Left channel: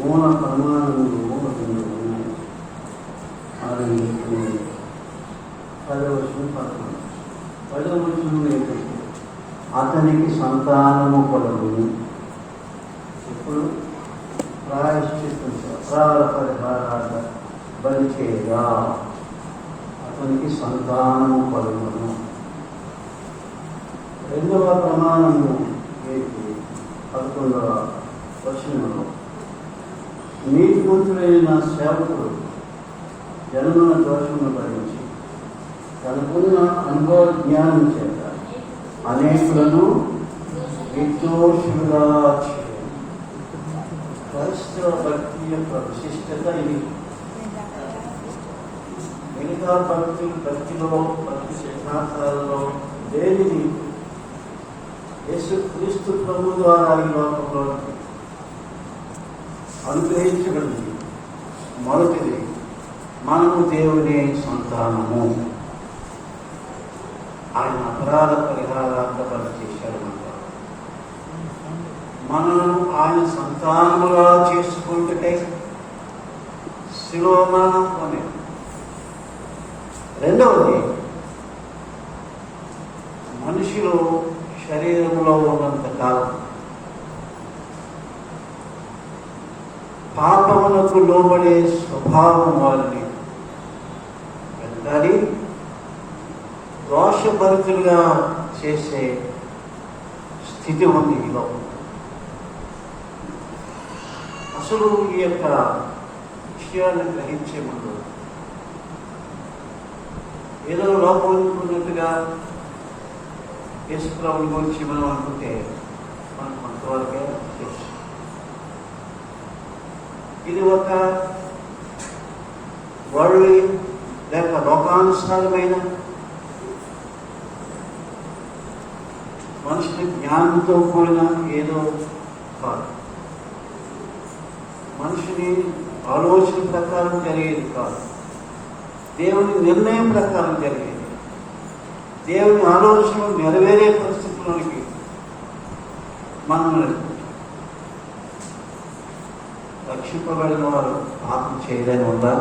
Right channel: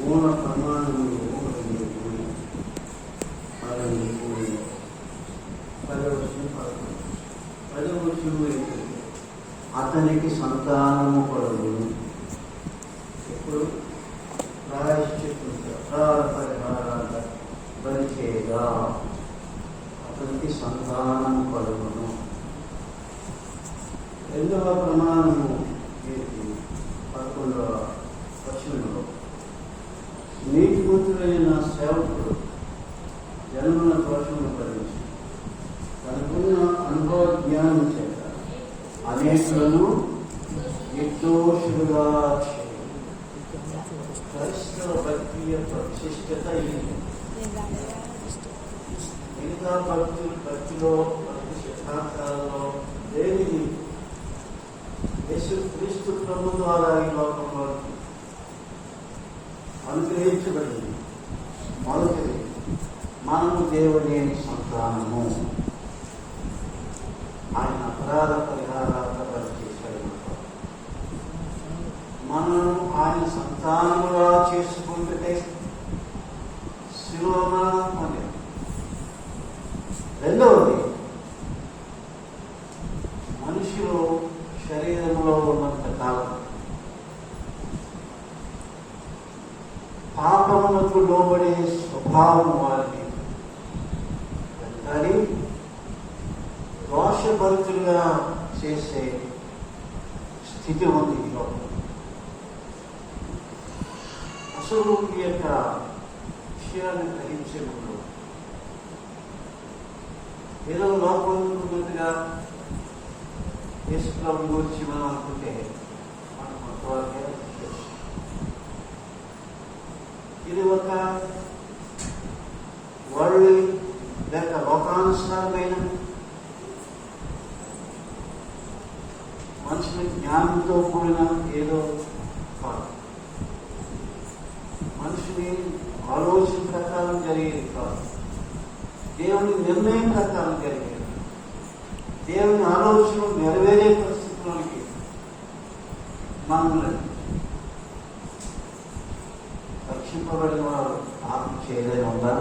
మూల ప్రమాణములు పదవచనం ఏంటంటే అతనికి సంతానము కలుగును. ఇప్పుడు ప్రాయశ్చిత్తం అపరాధ పరిహారాల బలి చేయగా అతనికి సంతానము కలుగును. రెండవ ప్రమాణము ఏంటి? 11వ వచనంలో నీతిమంతుడైన సేవకుడు జన్మన దోషమును భరించి తనకున్న అనుభవ జ్ఞానం చేత అనేకులను నిర్దోషులుగా చేయాలి. క్రైస్తవ భక్తి యొక్క విశిష్టత ఇది. మిగతా భక్తిలో భక్తి సిద్ధాంతాలలో దేనిని యేసుక్రీస్తు ప్రభు ద్వారా ఈ లోకంలో అనుగ్రహించగలిగింది. మొదటిది మనము దేవుని సంతానము. ఆయన అపరాధ పరిహారార్థ బలి చేశాడు. మనము ఆయన సంతానముగా చేసుకుంటే శిలువ మరణం పొందాం. రెండవది మనిషిలో శరీరంలో ఉన్నంత కాలం పాపములకు లోబడే స్వభావం వారిని వెంటాడి దోషభరితులుగా చేసే స్థితి ఉంది ఈ లోపల. అసలు ఈ యొక్క విషయాన్ని గ్రహించే ముందు ఏదో లోపం ఉన్నట్టుగా యేసుప్రభుని గురించి మనం అనుకుంటే మనం కొంతవరకే చేస్తాం. ఇది ఒక వరల్డ్ లేక లోకానుసారమైన మనుషుని జ్ఞానంతో కూడిన ఏదో కాదు. మనుషుని ఆలోచన ప్రకారం జరిగేది కాదు. దేవుని నిర్ణయం ప్రకారం జరిగేది. దేవుని ఆలోచన నెరవేరే పరిస్థితుల్లోనికి మనం రక్షింపబడిన వారు పాపం చేయలేని ఉందా?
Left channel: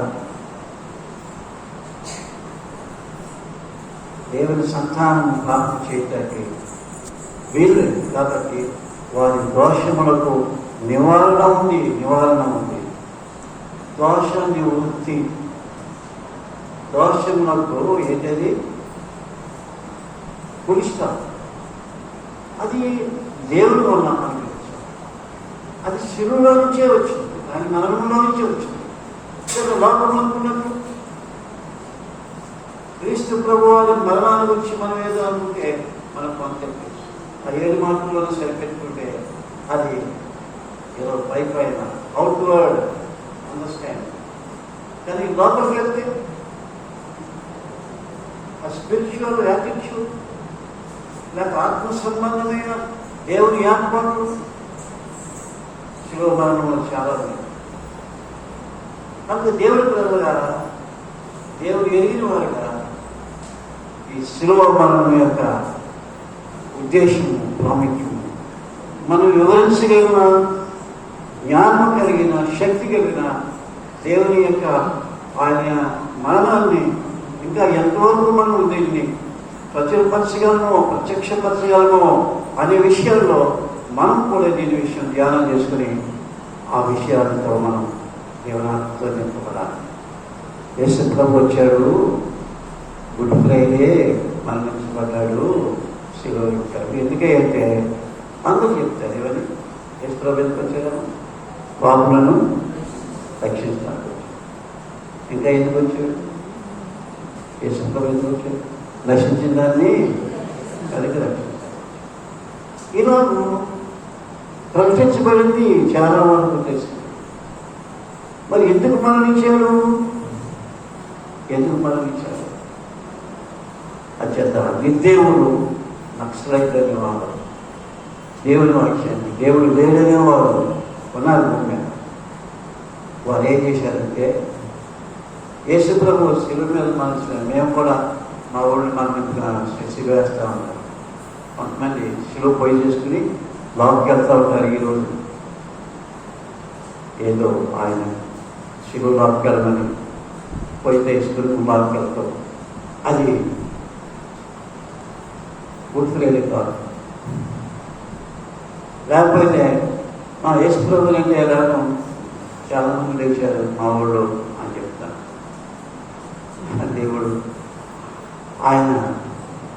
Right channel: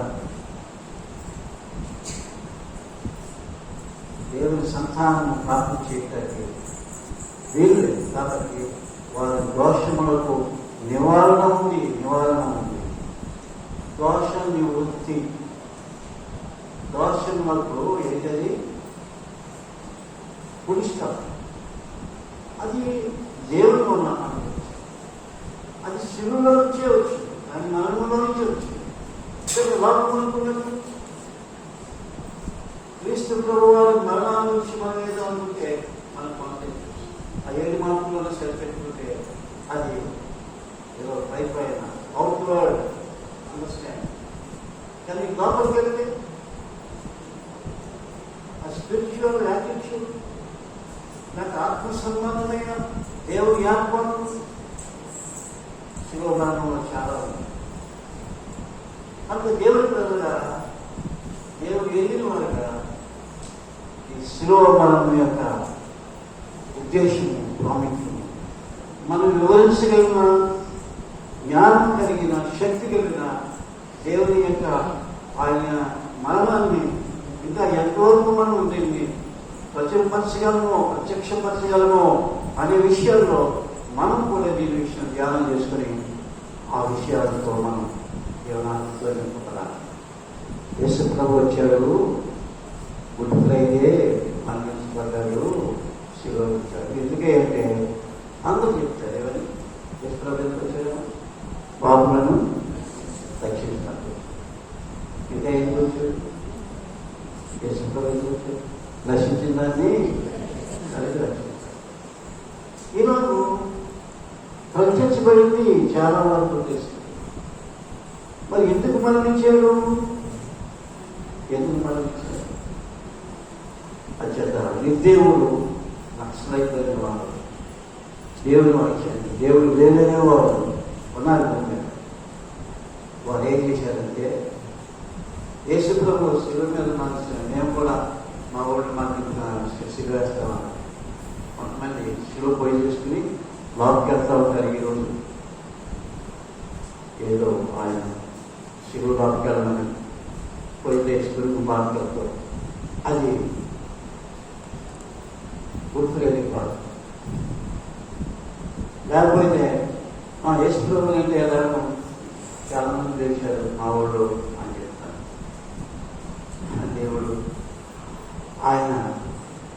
దేవుని సంతానం పాపం చేయటానికి వీళ్ళు కాబట్టి వారి దోషములకు నివారణ ఉంది. దోషాన్ని వృత్తి దోషములకు ఏంటది పుడిస్తారు. అది దేవుడు వల్ల అది శిలువలో నుంచే వచ్చింది. దాని మరణంలో నుంచే వచ్చింది. లోకంలో క్రీస్తు ప్రభు వారి మరణాన్ని గురించి మనం ఏదో అనుకుంటే మనం కాన్సెప్ట్ ఆ 7 మార్కులను సరిపెట్టుకుంటే అది ఏదో పైన అవుట్వర్డ్ అండర్స్టాండ్. కానీ లోపలికి వెళ్తే ఆ స్పిరిచువల్ యాటిట్యూడ్ లేక ఆత్మ సంబంధమైన దేవుని ఏర్పాటు శివమానంలో చాలా ఉంది. కాబట్టి దేవుడి ప్రజలారా, దేవుడు ఎరిగిన వారు కదా ఈ శివమానం యొక్క ఉద్దేశము ప్రాముఖ్యము మనం వివరించగలిగిన జ్ఞానం కలిగిన శక్తి కలిగిన దేవుని యొక్క ఆయన మరణాన్ని ఇంకా ఎంతవరకు మనం దీన్ని ప్రత్యక్షపరచగలమో అనే విషయాల్లో మనం కూడా దీని విషయం ధ్యానం చేసుకుని ఆ విషయాలతో మనం జీవనాత్మతో నింపబడాలి. యేసు ప్రభు వచ్చాడు, గుడ్ ఫ్రైడే మరణించబడ్డాడు, శిలువ ఎక్కాడు. ఎందుకంటే అందరూ చెప్తారు ఏమని? యేసు ప్రభు ఎందుకు వచ్చాడు? పాపులను రక్షిస్తాడు. ఇంకా ఎందుకు వచ్చాడు? యేసు ప్రభు ఎందుకు వచ్చాడు? నశించిన దాన్ని కలిగి రక్షిస్తాడు. ఈరోజు ప్రకటించబడింది చాలా వరకు తెలుస్తుంది. మరి ఎందుకు మరణించాడు? అత్యంత నిర్దేవుడు నక్సలైట్ అనేవాడు, దేవుని వాక్యాన్ని దేవుడు లేదనేవాడు ఉన్నారు. వారు ఏం చేశారంటే యేసు ప్రభు శిలువ మీద మరణించిన మేము కూడా మా ఊళ్ళో శిక్ష వేస్తా ఉన్నాం. కొంతమంది శిలువ పొయ్యి చేసుకుని లోపలికి వెళ్తూ ఉంటారు. ఈరోజు ఏదో ఆయన శివులోకి వెళ్ళమని పోయితే కుమార్కి వెళ్తాం, అది గుర్తులేదు కాదు. లేకపోతే మా యేసు ప్రభు అంటే ఎలాగో చాలా మంది తెలిసారు మా ఊళ్ళో అని చెప్తాను. దేవుడు ఆయన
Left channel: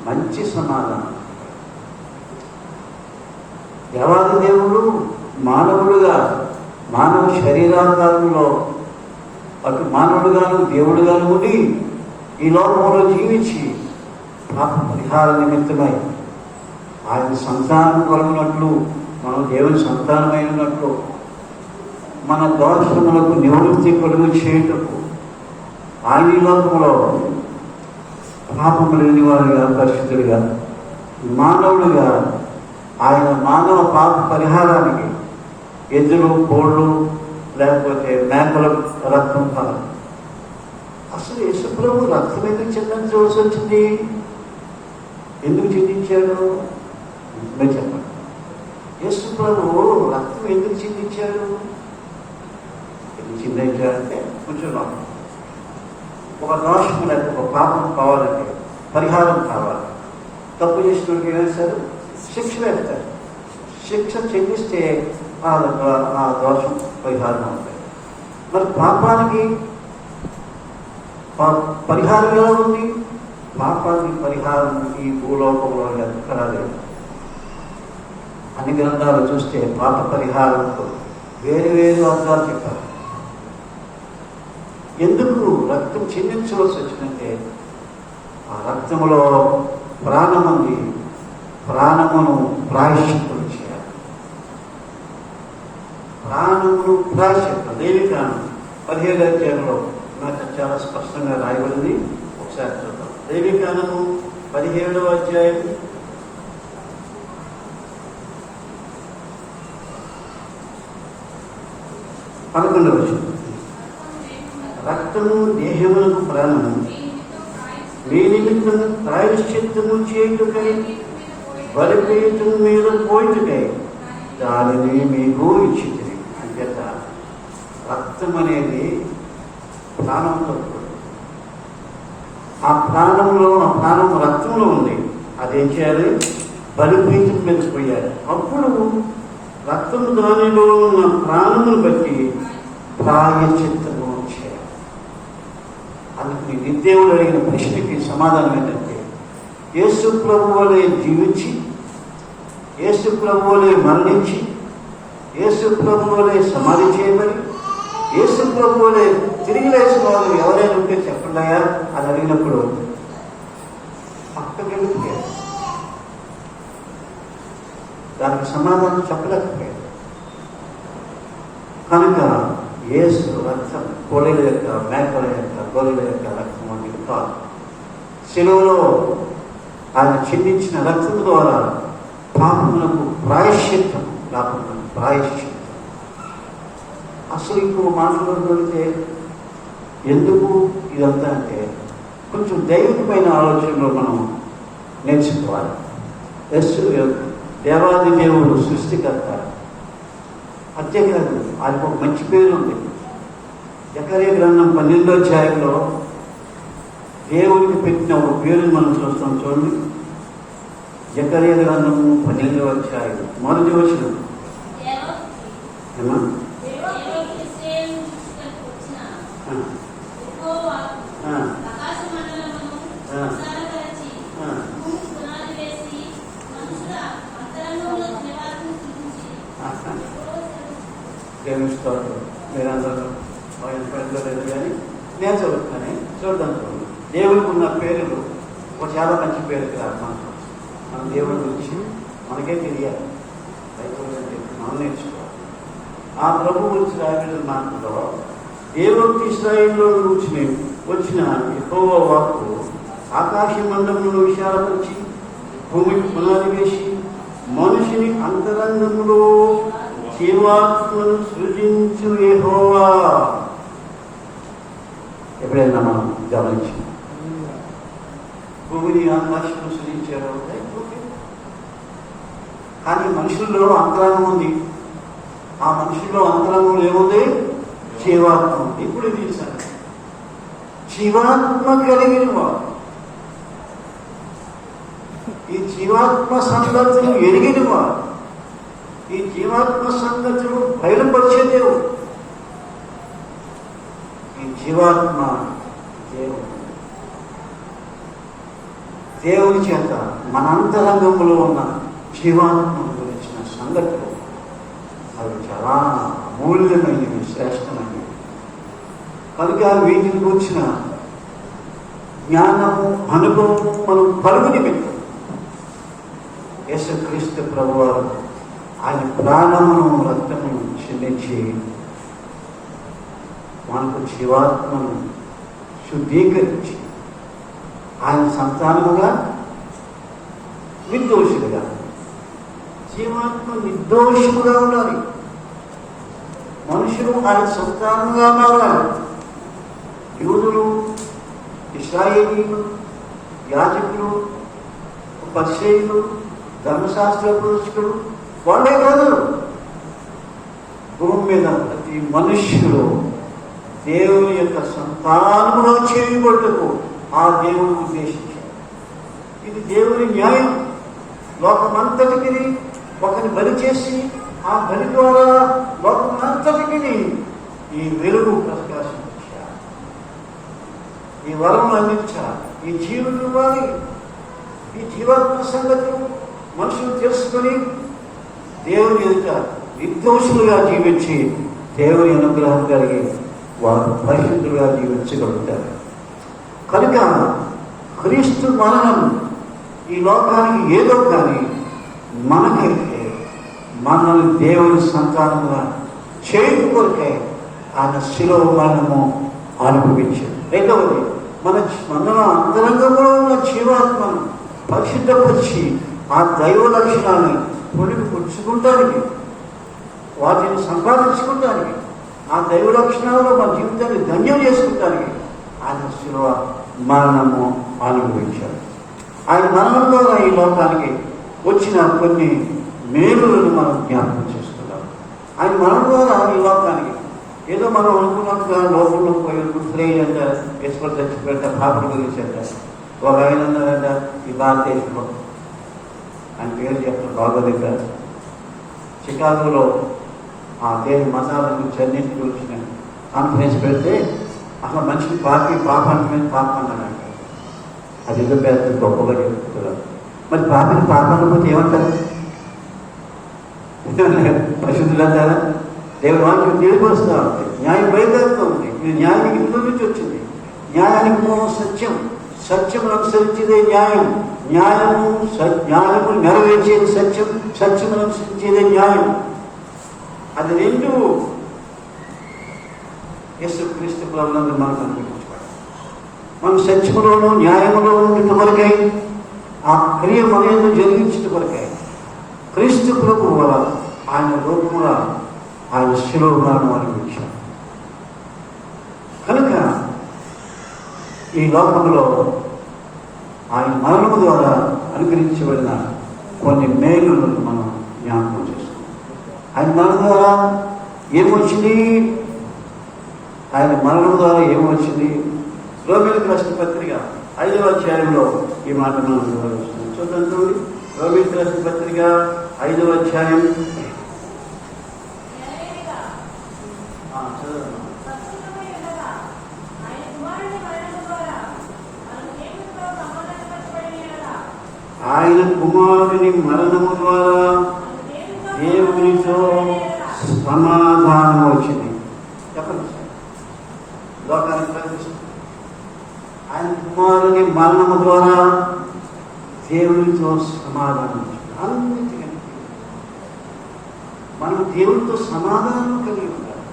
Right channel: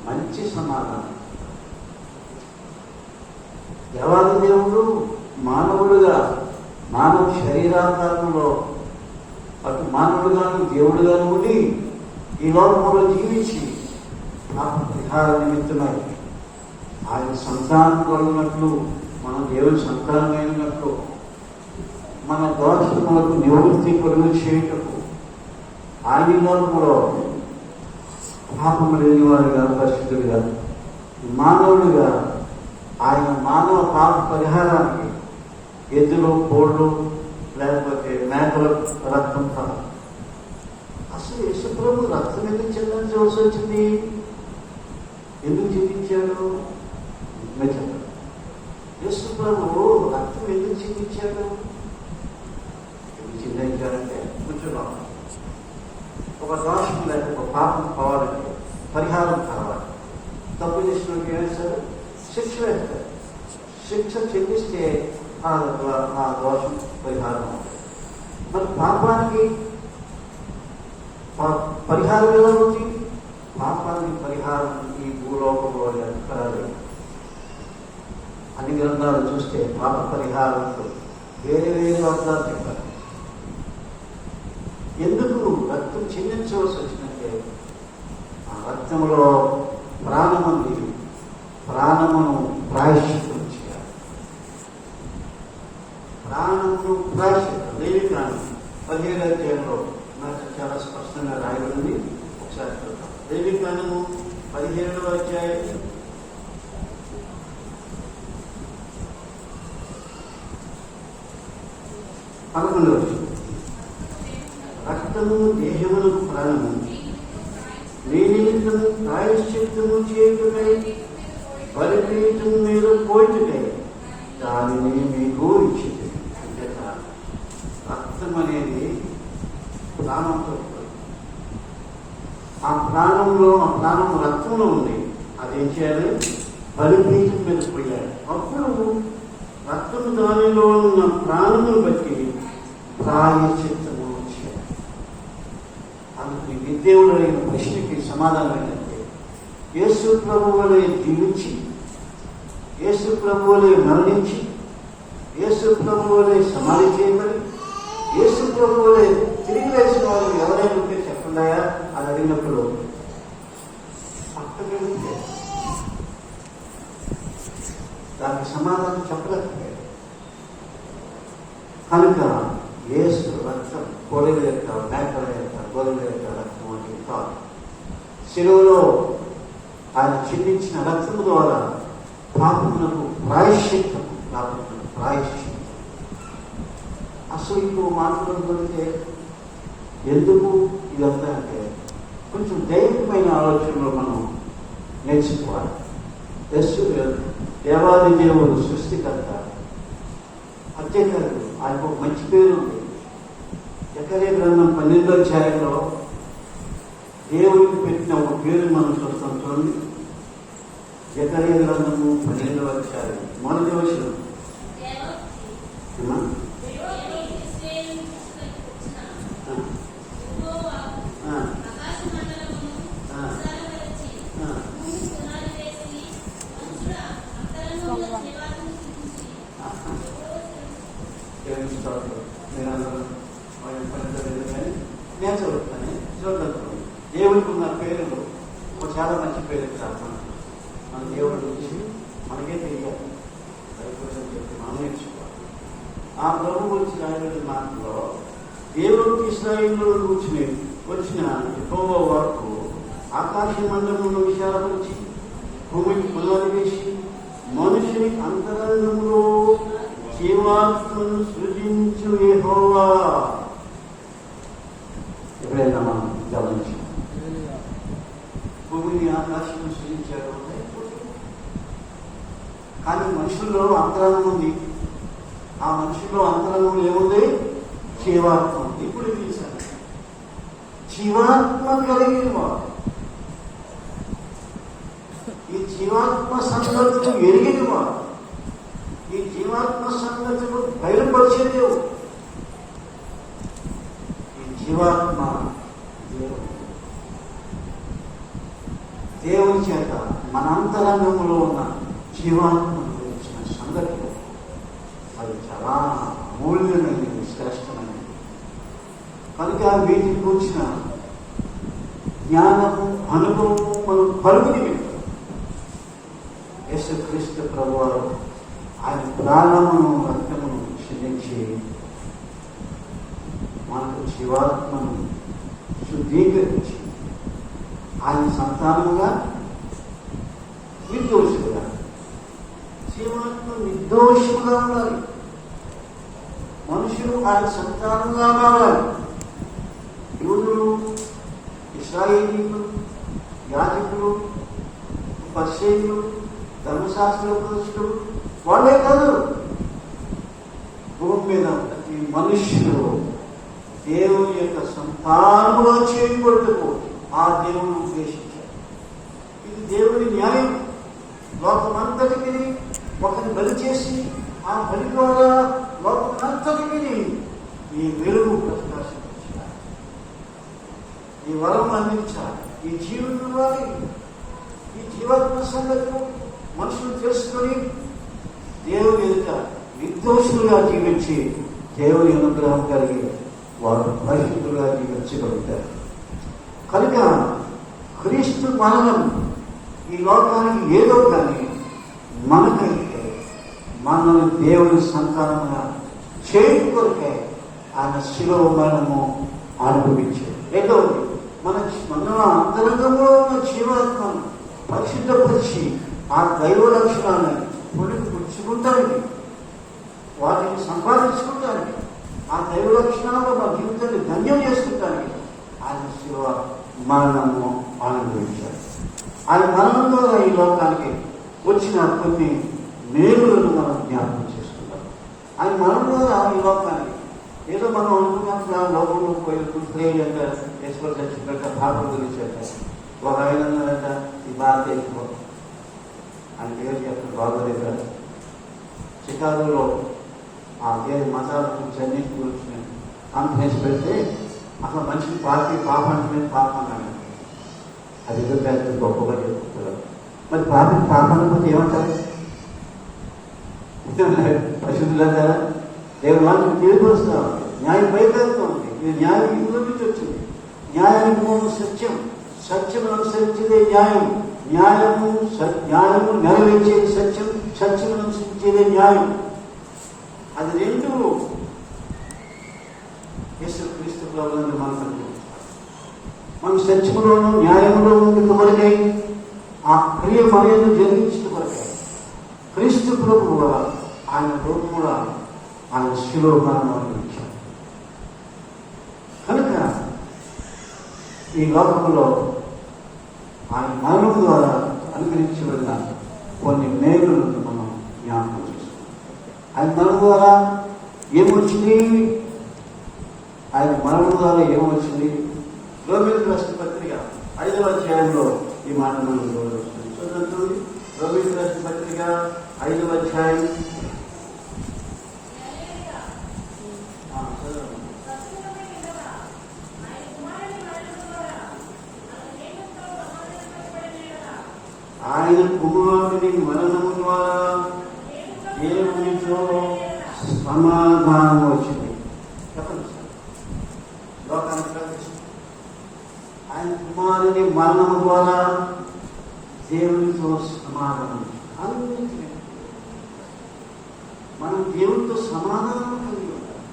మంచి సమాధానం. దేవాది దేవుడు మానవుడుగా, మానవ శరీరాకారంలో అటు మానవుడుగాను దేవుడుగాను ఉండి ఈ లోకంలో జీవించి పాప పరిహార నిమిత్తమై ఆయన సంతానం కలిగినట్లు, మనం దేవుని సంతానమైనట్లు, మన దోషములకు నివృత్తి కలుగు చేయుటకు ఆయన లోకంలో పాపము లేని వారుగా, పరిశుద్ధుడిగా, మానవుడిగా ఆయన మానవ పాప పరిహారానికి ఎద్దులు, కోళ్ళు లేకపోతే మేకల రక్తం కాదు. అసలు యేసుప్రభు రక్తం ఎందుకు చెందించవలసి వచ్చింది? ఎందుకు చింతించాడు? చెప్పండి. యేసుప్రభు రక్తం ఎందుకు చింతించాడు? ఎందుకు చింతించాడంటే కొంచెం ఒక దోషం లేక ఒక పాపం కావాలంటే, పరిహారం కావాలి. తప్పు చేసినట్టు వేస్తారు, శిక్ష వేస్తారు. శిక్ష చెల్లిస్తే ఆ దోషం పరిహారం అవుతుంది. మరి పాపానికి పరిహారం ఎలా ఉంది? పాపానికి పరిహారం ఈ భూలోకంలో ఎక్కడా లేదు. అన్ని గ్రంథాలు చూస్తే పాప పరిహారం వేరే వేరే అర్థాలు చెప్పారు. ఎందుకు రక్తం చెల్లించవలసి వచ్చిందంటే ఆ రక్తంలో ప్రాణం ఉంది. ప్రాణమును ప్రాయశ్చిత్తం చేయాలి. ప్రాణమును ప్రాయశ్చిత్తం లేవికాండం 17వ అధ్యాయంలో నాకు చాలా స్పష్టంగా రాయబడింది. ఒకసారి చూద్దాం. లేవికాండము 17వ అధ్యాయం 11వ వచనం. రక్తము దేహములకు ప్రాణము, మీ నిమిత్తము ప్రాయశ్చిత్తము చేయుటకై బలిపీఠం మీద పోయుటకై దానిని మీకు ఇచ్చింది. అంచేత రక్తం అనేది ప్రాణంతో, ఆ ప్రాణం రక్తంలో ఉంది. అదేం చేయాలి? బలిపీఠం మీద పోయాలి. అప్పుడు రక్తం దానిలో ఉన్న ప్రాణమును బట్టి ప్రాయశ్చిత్తము చేయాలి. అందుకు విద్దేవుడు అడిగిన ప్రశ్నకి సమాధానం ఏంటంటే, యేసు ప్రభువు వలె జీవించి, యేసు ప్రభువు వలె మరణించి, యేసు ప్రభువు వలె సమాధి చేయబడి, యేసు ప్రభువు వలె తిరిగి లేచిన వాళ్ళు ఎవరైనా ఉంటే చెప్పండాయా అని అడిగినప్పుడు పక్కకెళ్ళిపోయారు. దానికి సమాధానం చెప్పలేకపోయాడు. కనుక యేసు రక్తం కోడెల యొక్క, మేకల యొక్క, గొర్రెల యొక్క రక్తం వంటివి కాదు. శిలువలో ఆయన చిందించిన రక్తం ద్వారా పాపములకు ప్రాయశ్చిత్తం, పాపములకు ప్రాయశ్చిత్తం. అసలు ఇంకో మాట్లాడుతుంటే ఎందుకు ఇదంతా అంటే కొంచెం దైవికమైన ఆలోచనలో మనం నేర్చుకోవాలి. దేవాది దేవుడు సృష్టికర్త. అంతేకాదు ఆయనకు ఒక మంచి పేరు ఉంది. జకర్యా గ్రంథం 12వ అధ్యాయంలో దేవుడికి పెట్టిన ఒక పేరుని మనం చూస్తాం. చూడండి, జకర్యా గ్రంథము 12వ అధ్యాయం 1వ వచనం. మీరందరూ కానీ నేను చదువుతాను, చూద్దాం. చూడండి, దేవుడికి ఉన్న పేరులు ఒక చాలా మంచి పేరు కాదు. మన దేవుడి గురించి మనకే తెలియాలి, మనం నేర్చుకోవాలి. ఆ ప్రభు గురించి రాయబడిన మాటలో దేవుడికి ఇశ్రాయేలులో వచ్చిన యెహోవా వాక్కు ఆకాశ మండలంలో విశాలపరిచి భూమికి పునాది వేసి మనిషిని అంతరంగంలో జీవాత్మను సృజించు యెహోవా. ఎప్పుడైనా మనం గమనించి భూమిని ఆకాశం సృజించారు. కానీ మనుషుల్లో అంతరాంగం ఉంది. ఆ మనుషుల్లో అంతరంగంలో ఏముంది? జీవాత్మ ఉంది. ఇప్పుడు ఇది సంగతి. జీవాత్మ కలిగిన వాడు, ఈ జీవాత్మ సంగతులు ఎరిగిన వాడు, ఈ జీవాత్మ సంగతులు బయలుపరిచే దేవుడు, ఈ జీవాత్మ దేవుడు. దేవుని చేత మన అంతరంగంలో ఉన్న జీవాత్మ గురించిన సంగతులు అవి చాలా అమూల్యమైనవి, శ్రేష్టమైనవి. కనుక వీటిని గురించిన జ్ఞానము, అనుభవం మనం కలుగు నిమిత్తం యేసుక్రీస్తు ప్రభువారు ఆయన ప్రాణమును, రక్తమును క్షమించి మనకు జీవాత్మను శుద్ధీకరించి ఆయన సంతానముగా, నిర్దోషులుగా, జీవాత్మ నిర్దోషులుగా ఉండాలి. మనుషులు ఆయన సంతానంగా మారాలి. యూదులు, ఇశ్రాయేలీయులు, యాజకులు, పరిసయ్యులు, ధర్మశాస్త్ర ఉపదేశకులు వాళ్ళే కాదు, భూమి మీద ప్రతి మనుష్యులు దేవుని యొక్క సంతానములో చేయబడుటకు ఆ దేవుని ఉద్దేశించారు. ఇది దేవుని న్యాయం. లోకమంతటికి ఒకరిని బలి చేసి ఆ బలి ద్వారా లోకమంతటికి ఈ వెలుగు ప్రకాశించారు, ఈ వరం అందించారు, ఈ జీవులు ఇవ్వాలి. ఈ జీవాత్మ సంగతులు మనుషులు తెలుసుకొని దేవుని ఎదుట నిర్దోషులుగా జీవించి దేవుని అనుగ్రహం కలిగి వారు పరిశుద్ధులుగా జీవించగలుగుతారు. కనుక క్రీస్తు మరణం ఈ లోకానికి ఏదో కానీ మనకైతే మనల్ని దేవుని సంతానంగా చేయడం కొరకే ఆయన శిలువ మరణము అనుభవించారు. రెండవది, మన అంతరంగంలో ఉన్న జీవాత్మను పరిశుద్ధపరిచి ఆ దైవ లక్షణాన్ని పుచ్చుకుంటానికి, వాటిని సంపాదించుకుంటానికి, ఆ దైవ లక్షణాల్లో మన జీవితాన్ని ధన్యం చేసుకుంటానికి ఆయన శిలువ మరణము అనుభవించారు. ఆయన మరణం ద్వారా ఈ లోకానికి వచ్చిన కొన్ని మేలులను మనం జ్ఞాపకం చేసుకున్నాం. ఆయన మరణం ద్వారా ఈ లోకానికి ఏదో మనం అనుకున్నట్టుగా లోకంలో పోయి గుర్తులేయంట, ఈశ్వరు చచ్చిపెట్ట, పాపలు గురించంట, ఒక ఆయన ఈ భారతదేశంలో ఆయన పేరు చెప్పడం బాగోలేక చికాగోలో ఆ దేవుని మతాల గురించి అన్నింటి గురించి కాన్ఫరెన్స్ పెడితే అసలు మనిషికి పాపానికి మీద పాపం అన్నాడు. అది ఏదో పెద్ద గొప్పగా చెప్తున్నారు. మరి పాపాన్ని పోతే ఏమంటారు? పరిశుద్ధులు అంటారా? దేవుని వాళ్ళకి తెలియపరుస్తూ ఉంటుంది, న్యాయం బయలుదేరుతూ ఉంది. ఈ న్యాయం ఇంట్లో నుంచి వచ్చింది. న్యాయానికి మూలం సత్యం, సత్యం అనుసరించేదే న్యాయం, న్యాయము నెరవేర్చేది సత్యం, సత్యం అనుసరించేదే న్యాయం. అది రెండు యేసుక్రీస్తు ప్రభువులందరూ మనకు అనుభవించాడు. మనం సత్యములోను న్యాయములోను కొరకై ఆ క్రియ మనను జరిగించిన కొరకై క్రీస్తు ప్రభువు ఆయన రూపంగా ఆయన శిలువ మరణం అనుభవించాడు. కనుక ఈ లోకంలో ఆయన మరణం ద్వారా అనుగ్రహించబడిన కొన్ని మేలులను మనం జ్ఞాపకం చేసుకుంటాం. ఆయన మరణం ద్వారా ఏమొచ్చింది? ఆయన మరణం ద్వారా ఏమొచ్చింది? రోమిలకు రాసిన పత్రిక 5వ అధ్యాయంలో ఈ మాట మనం వివరిస్తున్నాం. చూడండి, రోమిలకు రాసిన పత్రిక 5వ అధ్యాయం. ఆయన కుమారుని మరణము ద్వారా దేవునితో సమాధానం వచ్చింది. చెప్పండి సార్, లోకానికి ప్రవేశించింది. ఆయన కుమారుని మరణము ద్వారా దేవునితో సమాధానం వచ్చింది. అందుకే మనం దేవునితో సమాధానం కలిగి ఉండాలి.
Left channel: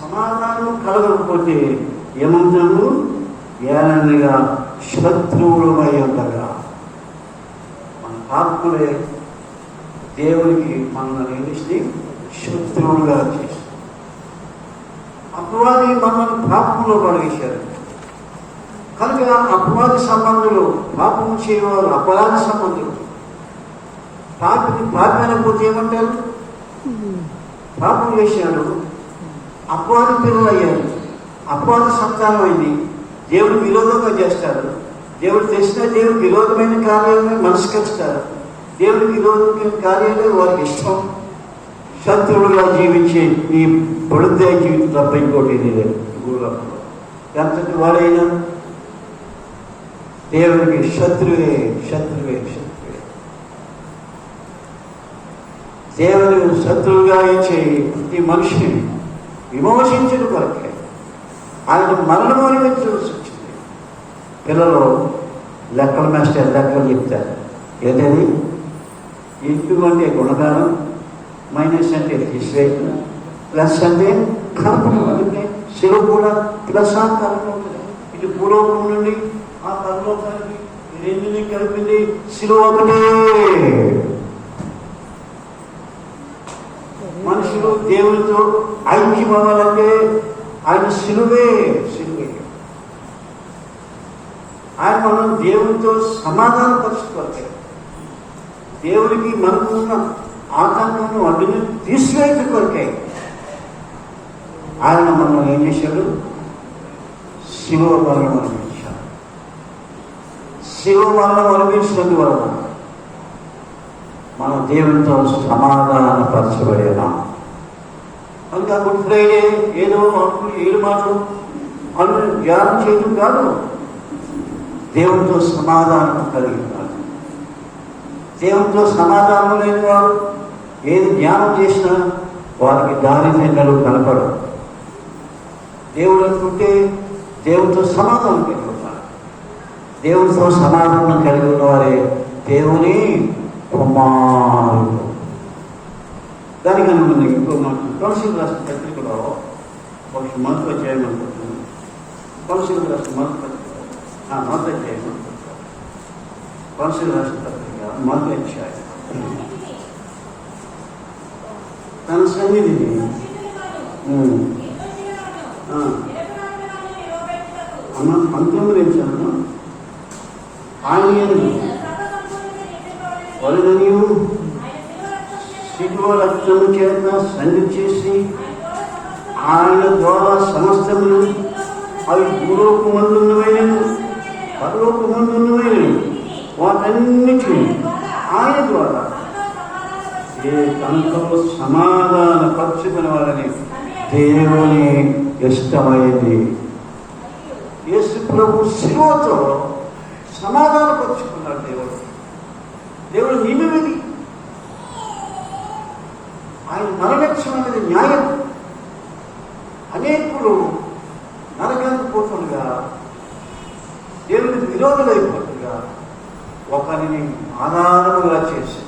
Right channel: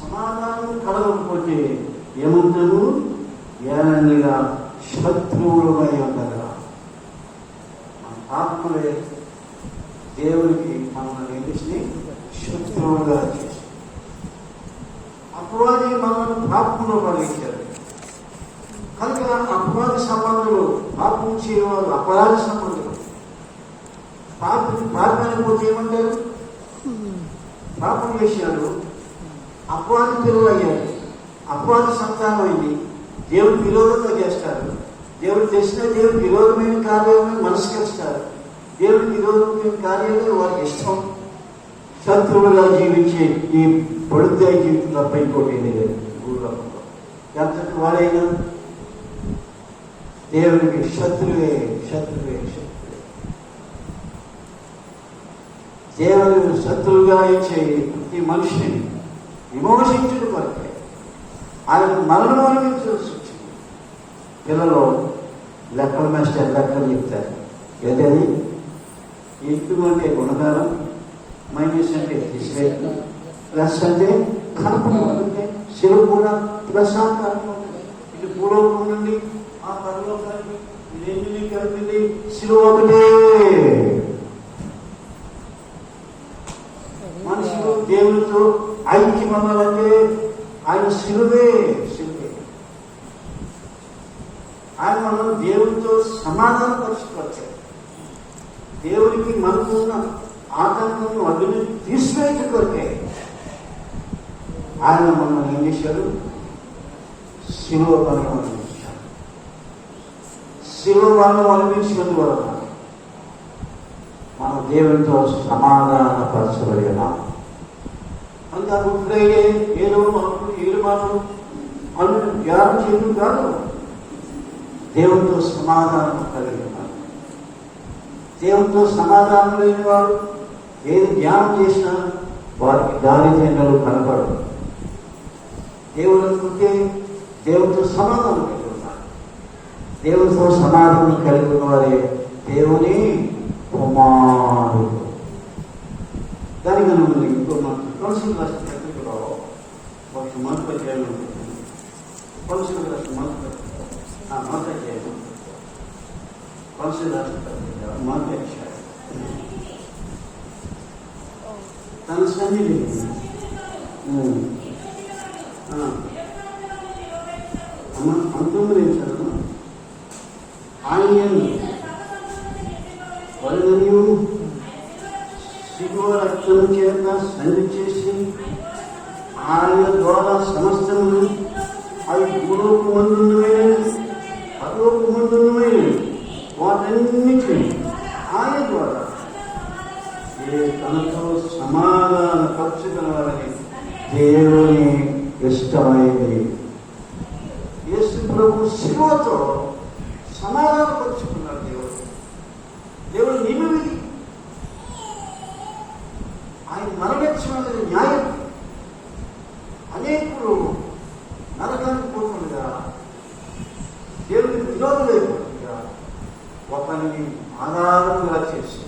సమాధానం కలగకపోతే ఏమంటాము? ఏనండిగా శత్రువులమై ఉండగా ఆత్మలే దేవునికి మనల్ని నిలిచి శత్రువులుగా చేస్తారు. అపవాది మనల్ని పాపంలో పడేశారు. కనుక అపవాది సంబంధులు, పాపం చేయవారు అపరాధ సంబంధులు. పాపమైనపోతే ఏమంటారు? పాపం చేశాడు, అపవాది పిల్లలు అయ్యారు, అపవాద సంతానం అయింది, దేవుడు విరోధంగా చేస్తారు. దేవుడు తెలిసిన దేవుడు విరోధమైన కార్యాలను మనస్కరిస్తారు. దేవుడికి విరోధమైన కార్యాలు వారికి ఇష్టం. శత్రువులుగా జీవించే ఈ పొడుద్దాయ జీవితం తప్ప ఇంకోటి లేదు. ఎంతటి వాడైనా దేవుడికి శత్రువే శత్రువే శత్రువే. దేవుడు శత్రువుగా ఇచ్చే ప్రతి మనిషిని విమోచించిన కొరకే ఆయన మరణం అనుభవించవలసి వచ్చింది. పిల్లలు లెక్కల మాస్టర్ లెక్కలు చెప్తారు. ఏదైనా ఇంటూ అంటే గుణగానం, మైనస్ అంటే తీసివేయడం, ప్లస్ అంటే కల్పన. అంటే శిలువ కూడా ప్లస్ ఆ కల్పన ఉంటుంది. ఇది పూర్వకం నుండి ఆ పరలోకానికి రెండుని కలిపింది శిలువ ఒకటే. మనుషులు దేవునితో ఐక్యం అవ్వాలంటే ఆయన శిలువే శిలువే. ఆయన మనం దేవునితో సమాధాన పరుచుకోవాలి. దేవుడికి మనకున్న ఆటంకం అడ్డుని తీసివేయట కొరకే ఆయన మనం ఏం చేశాడు? శిలువ మరణం అనుభవించాడు. శిలువ మరణం అనుభవించినందువలన మనం దేవునితో సమాధానపరచబడేనా. అంతా గుడ్ ఫ్రైడే ఏదో మాకు 7 మాటలు అను ధ్యానం చేయడం కాదు, దేవునితో సమాధానం కలిగి ఉన్నారు. దేవునితో సమాధానం లేని వారు ఏది ధ్యానం చేసినా వారికి దారిద్ర్యాలు కనపడదు. దేవుడు అనుకుంటే దేవునితో సమాధానం కలిగి ఉన్నారు. దేవునితో సమాధానం కలిగి ఉన్నవారే దేవుని కుమారుడు. దానికని మనం ఇంకో మనం కౌన్సిల్ రాష్ట్ర పత్రికలో ఒక మొదటి చేయమనుకుంటున్నాను. కౌన్సిల్ రాష్ట్ర మొదటి చేయమని కౌన్సిల్ రాష్ట్ర పత్రిక మొదటి అధ్యాయం తన సన్నిధిని అనుగ్రహించాను. ఆయన వరుణనియు శిలువ రక్తం చేత సంధి చేసి ఆయన ద్వారా సమస్తములు అవి భూలోకమందున్నవైనను పరలోకమందున్నవైనను వాటన్నిటిని ఆయన ద్వారా తనతో సమాధాన పరుచుకునే వాళ్ళని దేవుని ఇష్టమైంది. యేసు ప్రభు శిలువతో సమాధాన పరుచుకున్నాడు. దేవుడు నియమమిది. ఆయన నరకత్వం అనేది న్యాయం. అనేకులు నరకానికి పోతుండగా, దేవుని విరోధులైపోతుండగా ఒకరిని ఆధారముగా చేసి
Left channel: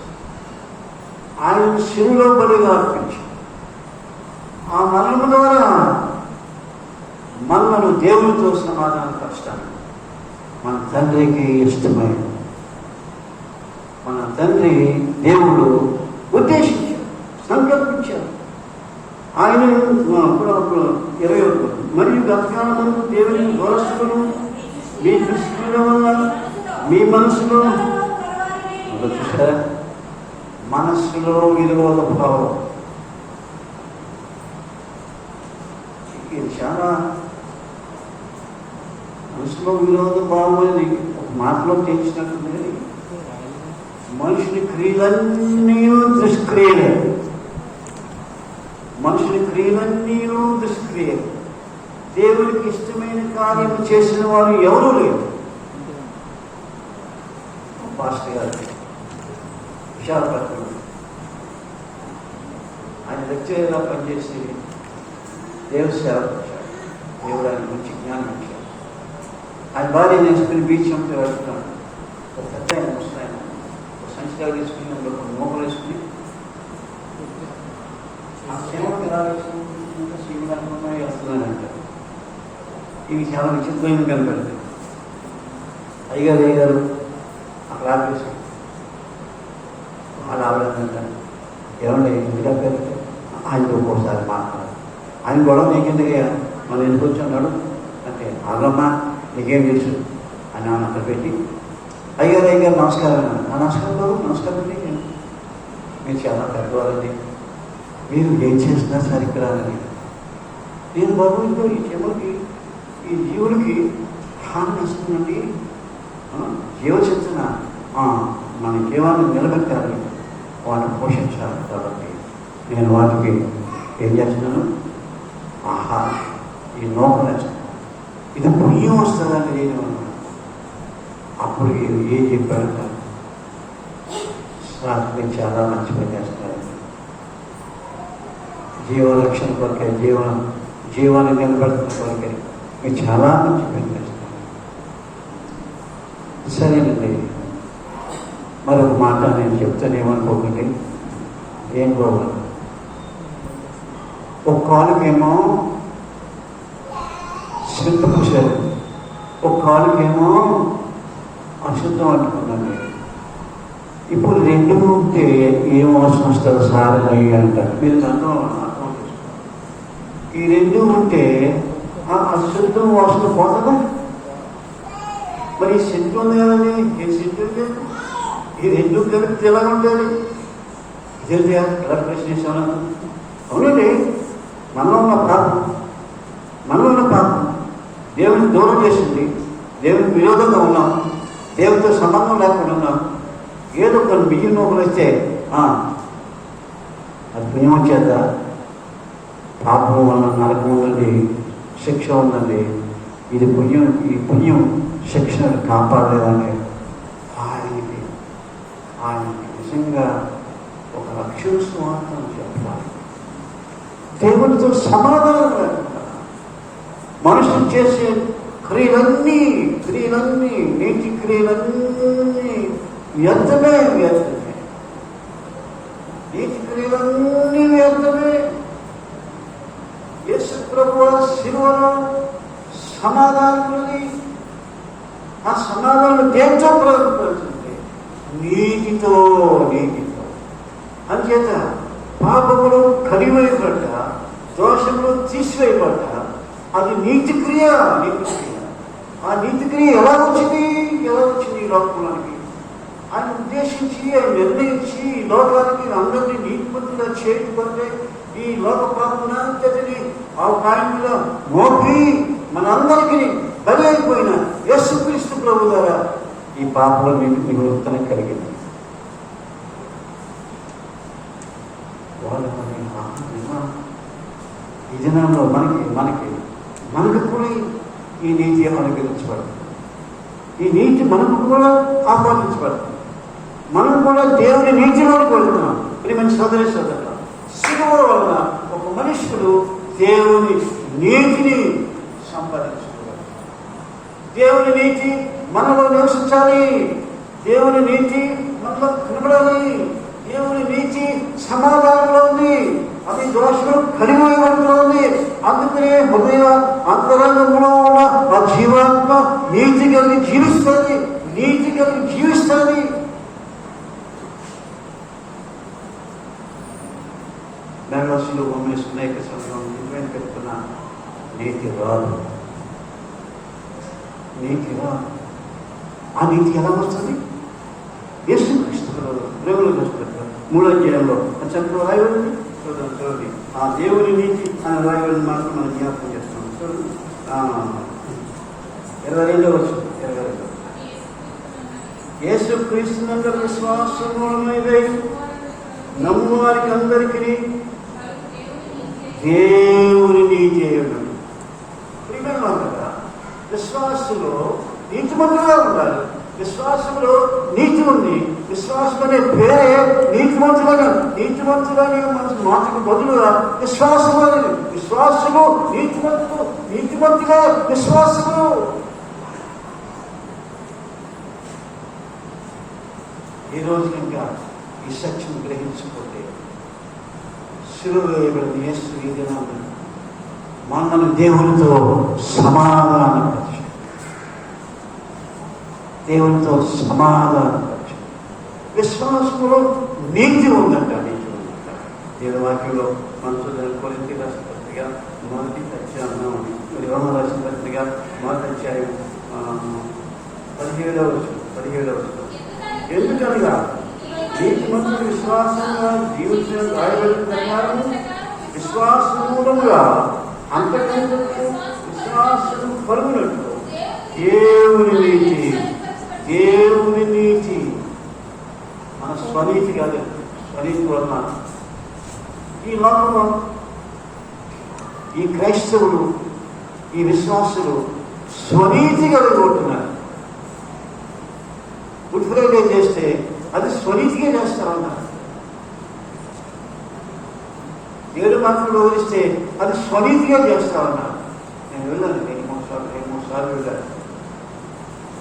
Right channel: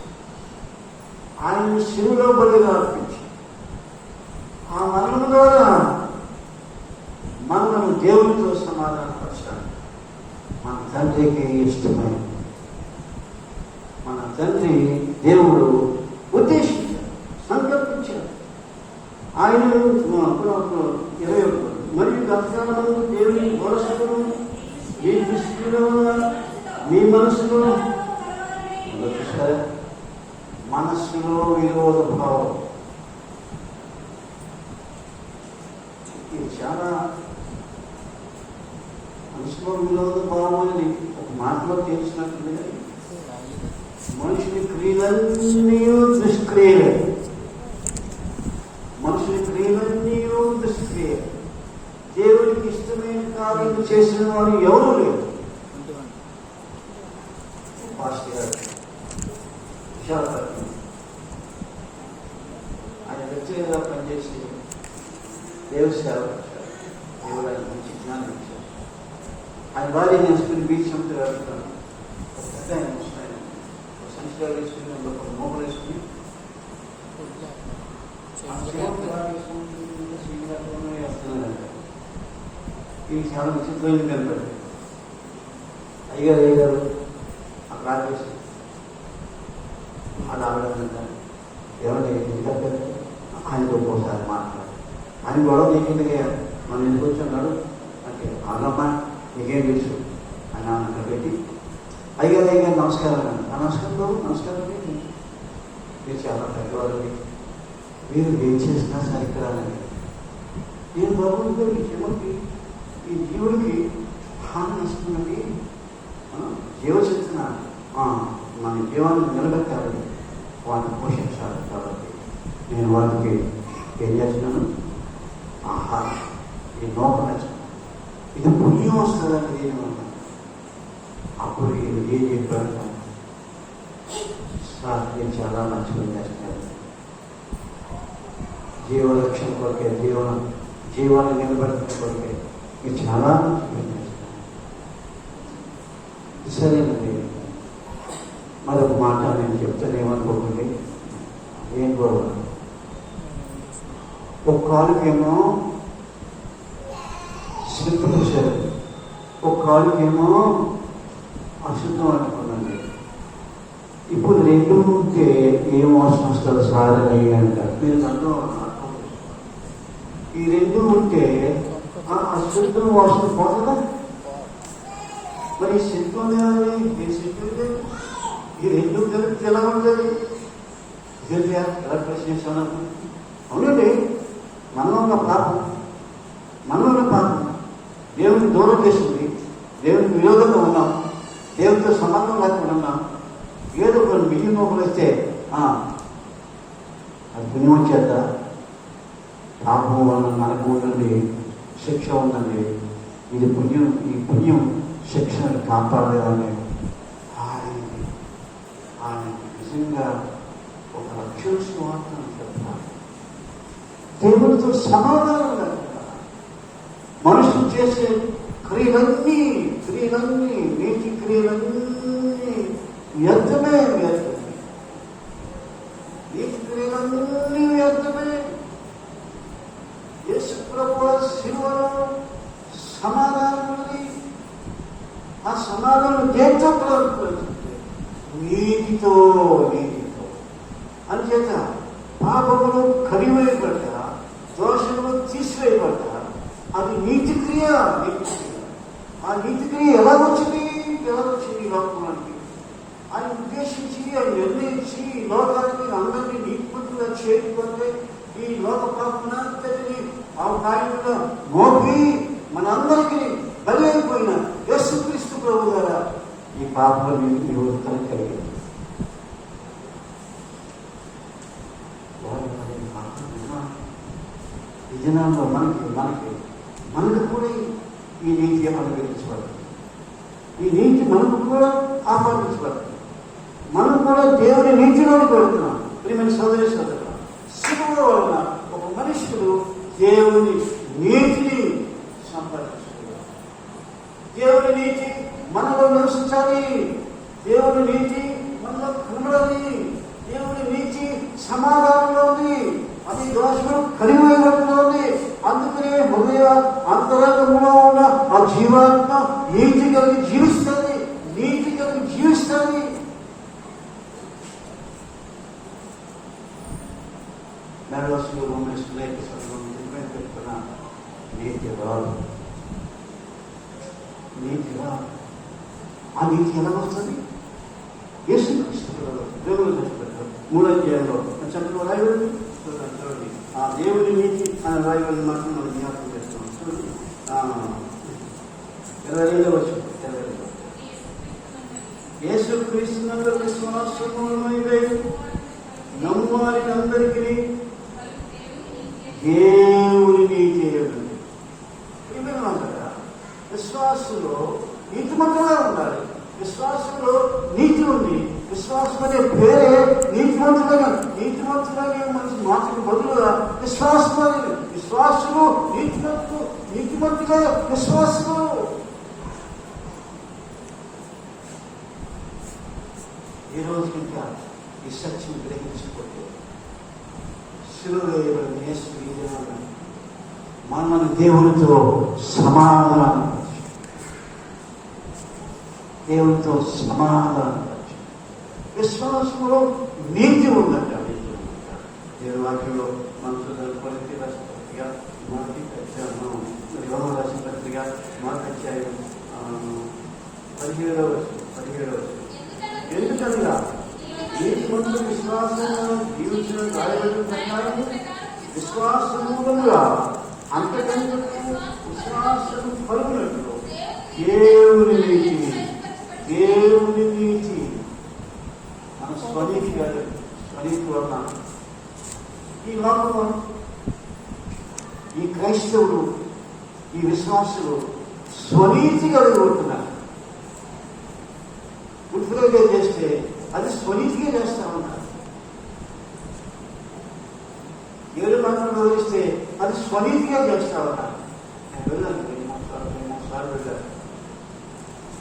ఆయన శిలువలో బలిగా అర్పించి ఆ మరణము ద్వారా మనలను దేవునితో సమాధానపరచాలి. మన తండ్రికి ఇష్టమైనది. మన తండ్రి దేవుడు ఉద్దేశించాడు, సంకల్పించాడు. ఆయన 21 మరియు గతకాలంలో దేవుని దోషకులు మీ దృష్టిల వల్ల మీ మనసులో విరోధ భావం. ఇది చాలా మనసులో విరోధ భావం అని ఒక మాటలో తెలిసినట్టుంది. మనుషుని క్రియలన్నీ నిష్క్రియలే. మనుషుని క్రియలన్నీ నిష్క్రియలే. దేవుడికి ఇష్టమైన కార్యం చేసిన వారు ఎవరూ లేరు. పాస్టర్ గారు విశాఖపట్నం ఆయన లెక్చరర్గా పనిచేసి దేవుడు సేవ వచ్చాడు. దేవుడు ఆయన మంచి జ్ఞానం ఇచ్చాడు. ఆయన భార్య నేర్చుకుని బీచ్ అంతా వెళ్తున్నాడు. ఒక పెద్ద ఆయన ముస్తాయన సంచితాలు వేసుకుని ఒక మోకలు వేసుకుని వేస్తున్నాడంట. ఇవి చాలా విచిత్రమైన కనబడుతుంది. అయ్యారు అక్కడ ఆపేసి వాళ్ళు ఆలోచించారు. ఏమన్నా ఆయనకు ఒక్కోసారి మాట్లాడు. ఆయన గొడవ నీకెందుకే మనం ఎందుకు వచ్చాడు అంటే, వాళ్ళమ్మా నీకేం తెలుసు అని ఆయన అక్కడ పెట్టి అయ్యారు నమస్కారం. నమస్కారం బాబు, నమస్కారం అండి, మీరు చాలా పెద్దవారండి, మీరు ఏం చేసినా సరిగ్రాలని. నేను బాబు ఇంకో ఈ జన్మకి ఈ జీవుడికి హాని ఇస్తుందండి, జీవచింతన మన జీవాన్ని నిలబెట్టాలి, వాటిని పోషించాలి. కాబట్టి నేను వాటికి ఏం చేస్తున్నాను, ఆహారం, ఈ నోకలు ఇది పుణ్యం వస్తుందని నేను అప్పుడు ఏం చెప్పాడు, మీరు చాలా మంచి పని చేస్తున్నారు, జీవరక్షణ కొరకే, జీవాన్ని నిలబెట్టడం కొరకే మీరు చాలా మంచి పని చేస్తున్నారు. సరేనండి, మరొక మాట నేను చెప్తానేమనుకోకండి, ఏం పోవాలి. ఒక కాలుకేమో శుద్ధము శరీరం, ఒక కాలుకేమో అశుద్ధం అంటుకుందండి. ఇప్పుడు రెండు ఉంటే ఏం అవసరం వస్తుంది సార్ అని అంటారు. మీరు నన్ను అర్థం చేసుకోండి. ఈ రెండు ఉంటే అశుద్ధం అవసరం పోతుందా? మరి సెంటు ఉంది కదండి, ఏ సెంటు ఉంది, ఈ రెండు కలిపి ఎలా ఉంటుంది? ఇదే ఎలా ప్రశ్నిస్తాను. అవునండి, మనలో ఉన్న ప్రార్థన దేవునికి దూరం చేసింది, దేవునికి విరోధంగా ఉన్నాం, దేవునితో సంబంధం లేకుండా ఉన్నాం. ఏదో కొన్ని బియ్యం నోకలు వస్తే అది పుణ్యం చేత పాపం వల్ల నరకం ఉన్నది, శిక్ష ఉన్నది. ఇది పుణ్యం, ఈ పుణ్యం శిక్షను కాపాడలేదని ఆయనకి నిజంగా ఒక లక్ష్యం మాత్రం చెప్పాలి. దేవుడితో సమాధానం లేకుండా మనుషులు చేసే క్రియలన్నీ నీటి క్రియలన్నీ వ్యర్థమే. నీటి క్రియలన్నీ వ్యర్థమే. యేసు ప్రభువు శిలువలో సమాధానం ఉంది. ఆ సమాధానం దేంతో ప్రవర్తించింది? నీతితో. అంచేత పాపములు కరివేయబడ్డ, దోషములు తీసివేయబడ్డ అది నీతి క్రియ. ఆ నీతి క్రియ ఎలా వచ్చింది ఈ లోకానికి? ఆయన ఉద్దేశించి, ఆయన నిర్ణయించి ఈ లోకానికి అందరినీ నీతిమంతులుగా చేయకపోతే ఈ లోక పాపనాంతటిని ఆ కాయంలో మోపి మనందరికీ బలి అయిపోయిన యేసుక్రీస్తు ప్రభు ద్వారా ఈ పాపలో మీకు విమోచన కలిగింది. ఈ దినాల్లో మనకు కూడా ఈ నీతి అనుగ్రహించబడుతుంది. ఈ నీతి మనకు కూడా ఆహ్వానించబడుతుంది. మనం కూడా దేవుని నీతిలోకి వెళ్తున్నాం. ప్రియమైన సోదరి సోదరులు, శిలువ వలన ఒక మనుషుడు దేవుని నీతిని సంపాదించుకోవాలి. దేవుని నీతి మనలో నివసించాలి. దేవుని నీతి మనలో కనబడాలి. దేవుని నీతి సమాధానంలో ఉంది. అది దోషం కలిగిపోయినట్లో ఉంది. అందుకనే హృదయ అంతరంగంలో ఉన్న ఆ జీవాత్మ నీతి కలిగి జీవిస్తుంది. నగరసులో ఉన్న స్నేహిత సంఘం నేను చెప్తున్నా, నీతి రాదు. ఆ నీతి ఎలా వస్తుంది? యేసుక్రీస్తు దేవుని చూస్తారు 3వ అధ్యాయంలో చక్కగా రాయబడింది. చూడండి, ఆ దేవుని నీతి అని రాయబడిన మాత్రం మనం జ్ఞాపకం చేస్తాం. చూడండి 22వ వచనం. యేసుక్రీస్తు నందు విశ్వాసములమై నమ్మువారికి అందరికీ దేవుని నీతి అయ్యండి. విశ్వాసంలో నీతిమంతులుగా ఉండాలి. విశ్వాసంలో నీతి ఉంది. విశ్వాసం అనే పేరే నీతిమంతులని మన మాటకు బదులుగా విశ్వాసం అనేది. విశ్వాసము నీతిమంతుగా విశ్వాసము. ఈ రోజు ఇంకా ఈ సత్యం గ్రహించకపోతే శిలువ వేయబడిన యేసు ఈ దినాన మన దేవునితో సమాధానపరచు. విశ్వాసంలో నీతి ఉందంట. దేవుని వాక్యంలో మనసు దాని కొరింథీ రాసిన పత్రిక మొదటి అధ్యాయం, యోహాను రాసిన పత్రిక మొదటి17వ వచనం. ఎందుకనగా నీతిమంతుడు విశ్వాసంగా జీవించిన రాయబడిన ప్రకారం విశ్వాసం మూలంగా అంతకంటే విశ్వాసం పలుకునట్లు దేవుని నీతి మన స్వనీతి కాదు, స్వనీతి వలన ఈ లోకంలో ఈ క్రైస్తవులు ఈ విశ్వాసులు స్వనీతి కలిగిపోతున్నారు. గుడ్ ఫ్రైడే చేస్తే అది స్వనీతిగా చేస్తామన్నారు. 7 మాటలు వదిలిస్తే అది స్వనీతిగా చేస్తామన్నారు. నేను వెళ్ళాను, 2-3 సార్లు వెళ్ళాను.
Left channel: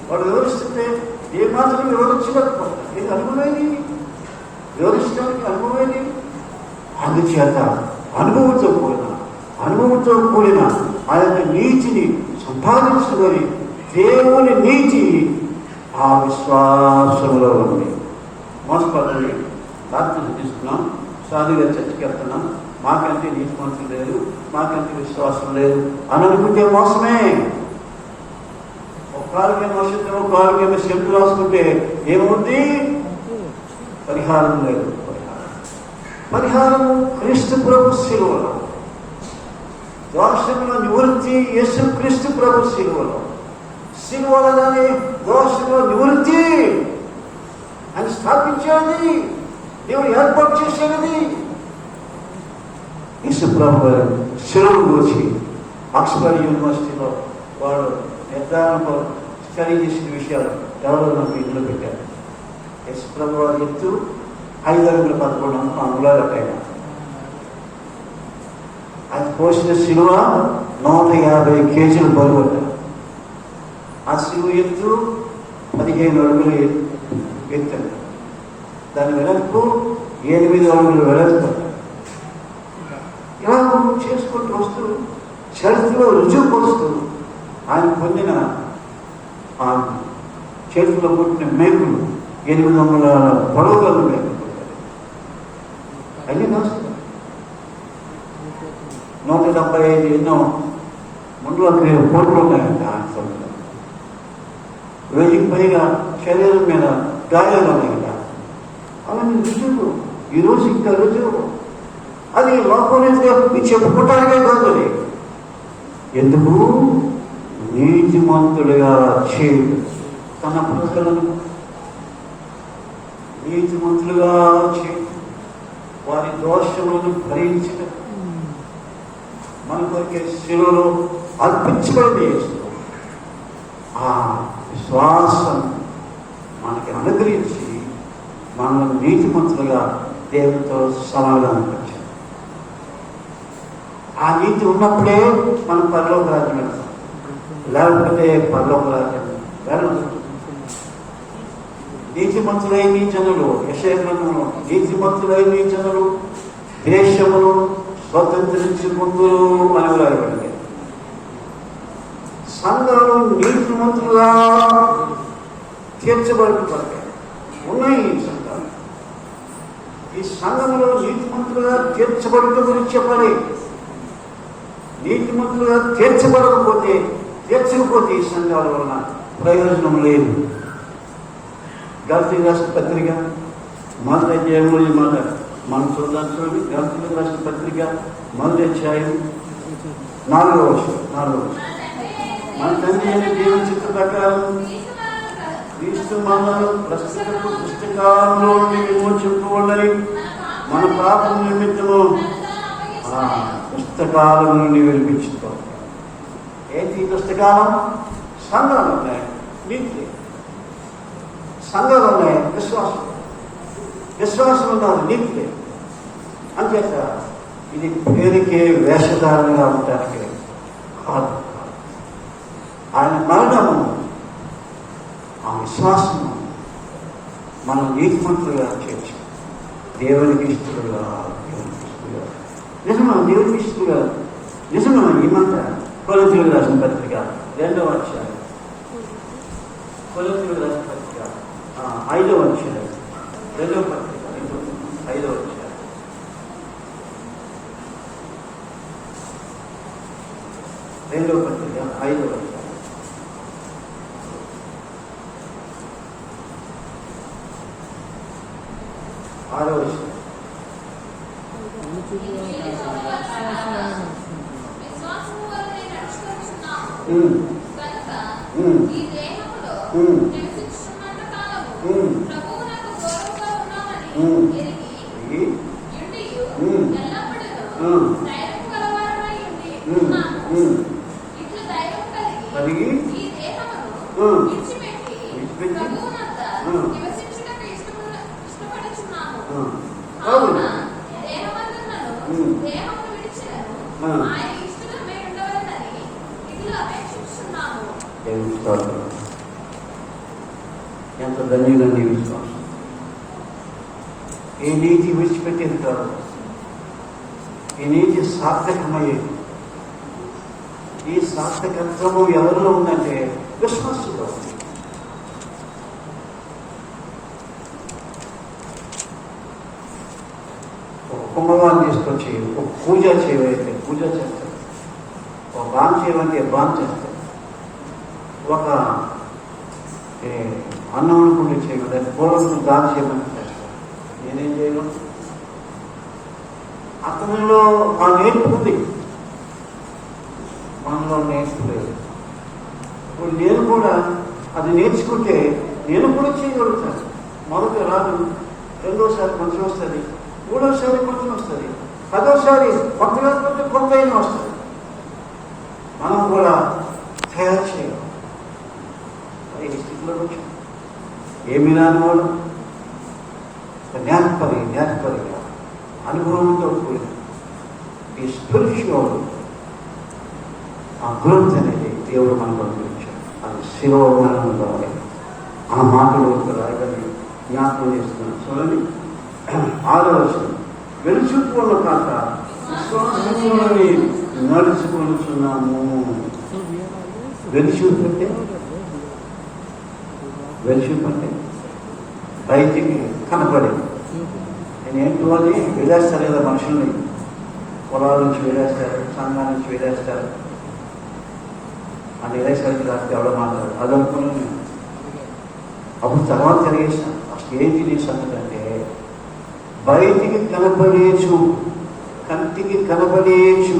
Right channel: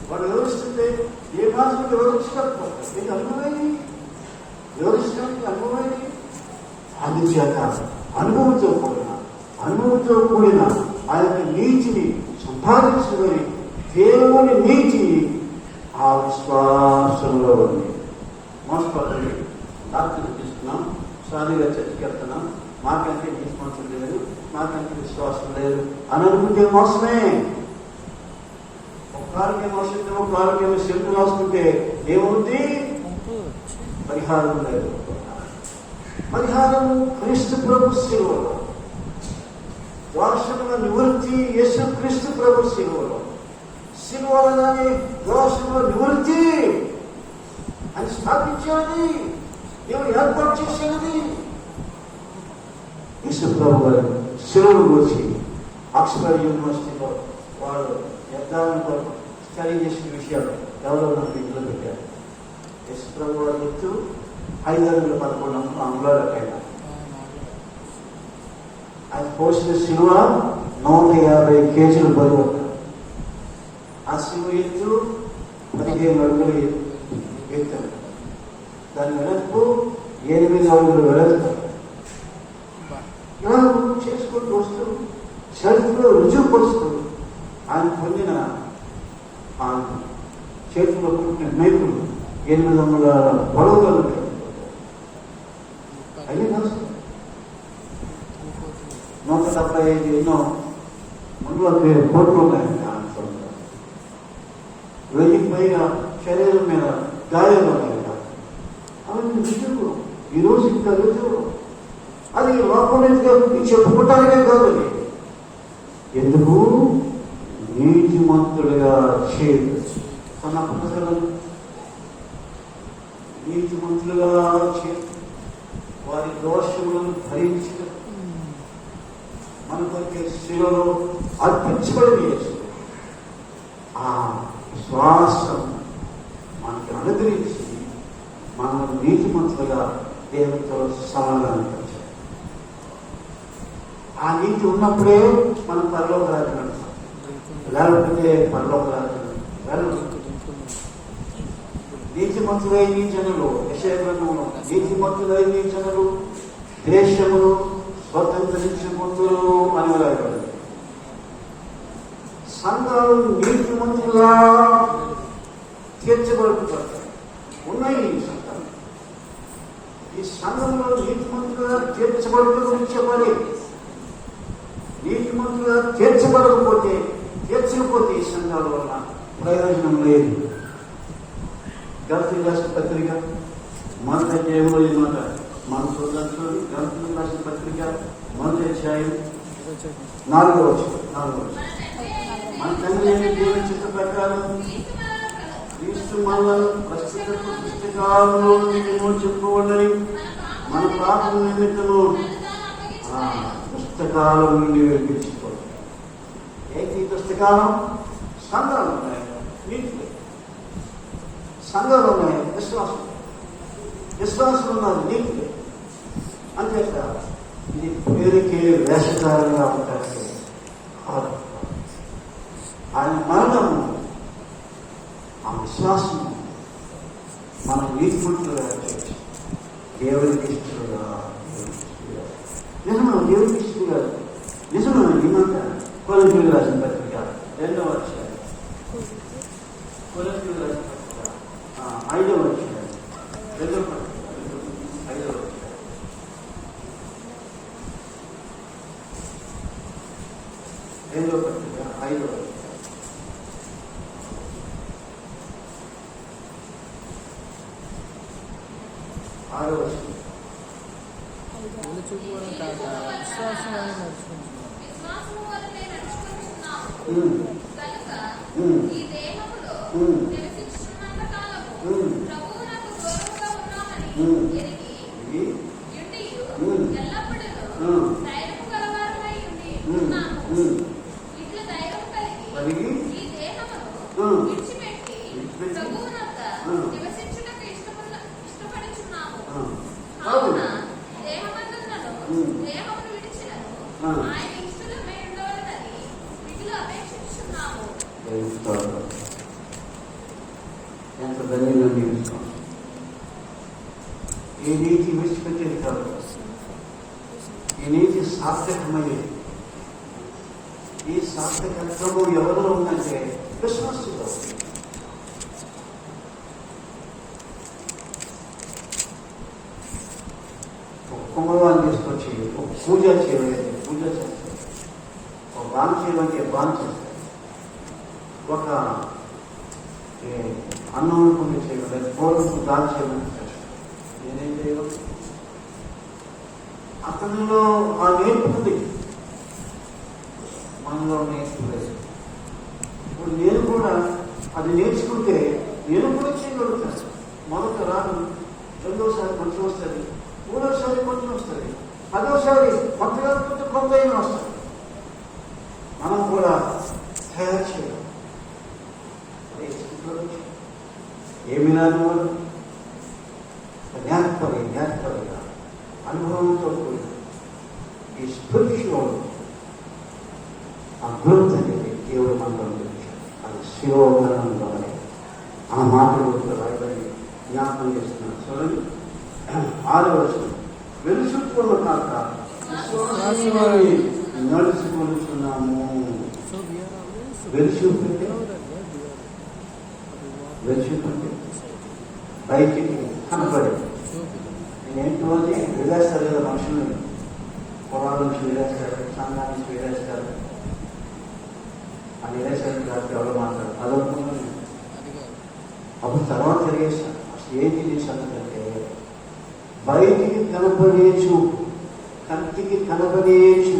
వాడు వివరిస్తుంటే ఏ మాత్రం వివరించలేకపోతారు. ఇది అనుభవమేది, వివరించడానికి అనుభవమేది. అందుచేత అనుభవంతో కూడిన ఆ యొక్క నీతిని సంపాదించుకొని దేవుని నీతి ఆ విశ్వాసంలో ఉంది. మోసపడండి, ప్రార్థన చేస్తున్నాం, సాధుగా చర్చకి వెళ్తున్నాం, మాకంటే నీతిమంతులు లేదు, మాకంటే విశ్వాసం లేదు అని అనుకుంటే మోసమే. ఒక కాలుకేమో శబ్దం, ఒక కాలుకేమో శబ్దం రాసుకుంటే ఏముంది? పరిహారం లేదు. పరిహారము క్రీస్తు ప్రభు శిలువలో, దోషముల నివృత్తి యేసు క్రీస్తు ప్రభు శిలువలో. శిలువలోనే దోషముల నివృత్తి అని స్థాపించేది, దేవుడు ఏర్పాటు చేసేది. యేసు ప్రభు గారు శిలువను మోసి ఆక్స్ఫర్డ్ యూనివర్సిటీలో వాడు నిర్ధారణతో స్టడీ చేసిన విషయాలు ఎవరో నాకు ఇంట్లో పెట్టారు. యేసు ప్రభు వారు ఎత్తు 5 అడుగులు 11 అంగుళాలు అట్టయినా, అది పోసిన శిలువ 150 కేజీలు బరువు. ఆ శిలువ ఎత్తు 15 అడుగులు ఎత్తు, దాని వెనక్కు 8 అడుగులు వెనక్కు. ఇలా చేసుకుంటూ వస్తూ చరిత్రలో రుజువు పరుస్తూ ఆయన పొందిన ఆ చేతిలో పుట్టిన మేకులు 800 పొడవులు అన్ని రాస్తారు. 175 ఎన్నో ముందులో కోట్లు ఉన్నాయండి. 1000కి పైగా శరీరం మీద గాయాలు ఉన్నాయి. అవన్నీ రుజువులు ఈరోజు ఇంకా రుజువు. అది లోపలిగా చెప్పుకోవటానికే కాదు, ఎందుకు నీతిమంతుడిగా చేయు తన ప్రజలను నీతిమంతులుగా చేయు, వారి దోషములను భరించక మన కొరికే శిలువలో అర్పించబడి చేస్తూ ఆ విశ్వాసం మనకి అనుగ్రహించి మనల్ని నీతిమంతులుగా దేవునితో సమాధానం. ఆ నీతి ఉన్నప్పుడే మనం పరలోక రాజ్యం వెళ్తాం, లేకపోతే పరలోక రాజ్యం వెళ్ళదు. నీతిమంతులైన జనులు, యెషయా గ్రంథంలో నీతిమంతులైన జనులు దేశమును స్వతంత్రించుకుందరు అని రాయబడింది. సంఘాలు నీతిమంతులుగా తీర్చబడుతుంటారు. ఉన్నాయి ఈ సంఘాలు. ఈ సంఘంలో నీతిమంతులుగా తీర్చబడటం గురించి చెప్పాలి. నీతిమంతులుగా తీర్చబడకపోతే ఈ సంఘాల వలన ప్రయోజనం లేదు. గలతీయులకు రాసిన పత్రిక మొదటి అధ్యాయంలో ఈ మాట మనం చూద్దాం. చూడండి, గలతీయులకు రాసిన పత్రిక మొదటి అధ్యాయం 4వ వచనం. మన తండ్రి అయిన దేవుని చిత్త ప్రకారం క్రీస్తు మనలను ప్రస్తుత పుస్తకాలలో విమోచింపబడని మన పాపం నిమిత్తము పుస్తకాల నుండి వినిపించుతాం. ఏంటి పుస్తకాలం? సంఘాలు ఉన్నాయి, నీతి సంఘాలు ఉన్నాయి, విశ్వాసం ఉన్నది నీతి. అంతేక ఇది పేరుకే వేషధారణగా ఉంటానికి కాదు. ఆయన మరణము, ఆ విశ్వాసము మనం నీతిమంతులుగా చేయొచ్చు. దేవునికి ఇష్టలుగా, నిజమా దేవునికి ఇష్టలుగా, నిజమా ఈ మాట కొలతీయులకు రాసిన పత్రిక 2వ అధ్యాయం, కొలతీయులకు రాసిన పత్రిక 5వ అధ్యాయం, 2వ పత్రిక 5వ అధ్యాయం, 2వ పత్రిక 5వ అధ్యాయం. కనుక ఉమ్, ఈ దేహములో ఉమ్, నివసించుచున్నంత కాలము ఉమ్, ప్రభువునకు దూరముగా ఉన్నామని ఉమ్. ఎరిగి ఇది, యుండియు ఉమ్, ఎల్లప్పుడూ ఉమ్, ధైర్యము గలవారమై ఉండి ఉమ్, ఉన్నాము. ఉమ్. ఇట్లు ధైర్యం కలిగి కలిగి, ఈ దేహమును ఉమ్, విడిచిపెట్టి విడిచిపెట్టి, ప్రభువునంత ఉమ్. నివసించుటకు ఇష్టపడుచున్నాము. ఉమ్. కావున దేహమందున్నను ఉమ్. దేహమును విడిచినను ఉమ్. ఆయన ఇష్టమై ఉండవలెనని మిగులు అపేక్షిస్తున్నాము. దేవుని స్తోత్రం. ఎంత ధన్యంగా నీ విశ్వాసం. ఈ నీతి విడిచిపెట్టేది కాదు, ఈ నీతి సార్థకమయ్యేది. ఈ సార్థకత్వము ఎవరిలో ఉందంటే విశ్వాసంలో ఉంది. ఒక కుంభవాన్ని తీసుకొచ్చి ఒక పూజ చేయవైతే పూజ చేస్తారు, ఒక బాన్ చేయమంటే బాన్ చేస్తారు, ఒక అన్నం అనుకుని చేయమంటే పూర్వం దాని చేయమంటే చేస్తారు. నేనేం చేయను? అతనిలో ఆ నేర్పు ఉంది, మనలో నేర్పు లేదు. ఇప్పుడు నేను కూడా అది నేర్చుకుంటే నేను కూడా చేయగలుగుతాను. మొదట రాదు, రెండోసారి కొంచెం వస్తుంది, మూడోసారి కొంచెం వస్తుంది, పదోసారి కొత్తగా కొంత వస్తుంది. మనం కూడా తయారు చేయాలి. ఈ స్థితిలో ఏమి రాని వాడు నేర్పరిగా అనుభవంతో కూడిన ఈ స్పిరిచువల్ ఆ గ్రోత్ అనేది దేవుడు మనకు అందించాడు. అది శివోమరణంలో ఆ మాటలు రాయని జ్ఞాపకం చేస్తున్నాను. చూడండి, 6వ వచనం, వెలుచుకున్న కాక విశ్వాసమై నడుచుకొనుచున్నాము. వెలుచుకుంటే బయటికి కనపడదు. నేనేంటో అని విడేస్తారు కదా మనుషుల్ని, పొలాల నుంచి విడేస్తారు, సంఘాల నుంచి విడేస్తారు. ఆ విడేసరికి రాస్తే ఎవడో మాట్లాడు అదనుకుని అప్పుడు తర్వాత తెలియజేస్తాను. అసలు ఏంటి నీ సంగతి అంటే బయటికి కనపడేచు, కంటికి కనపడేచు,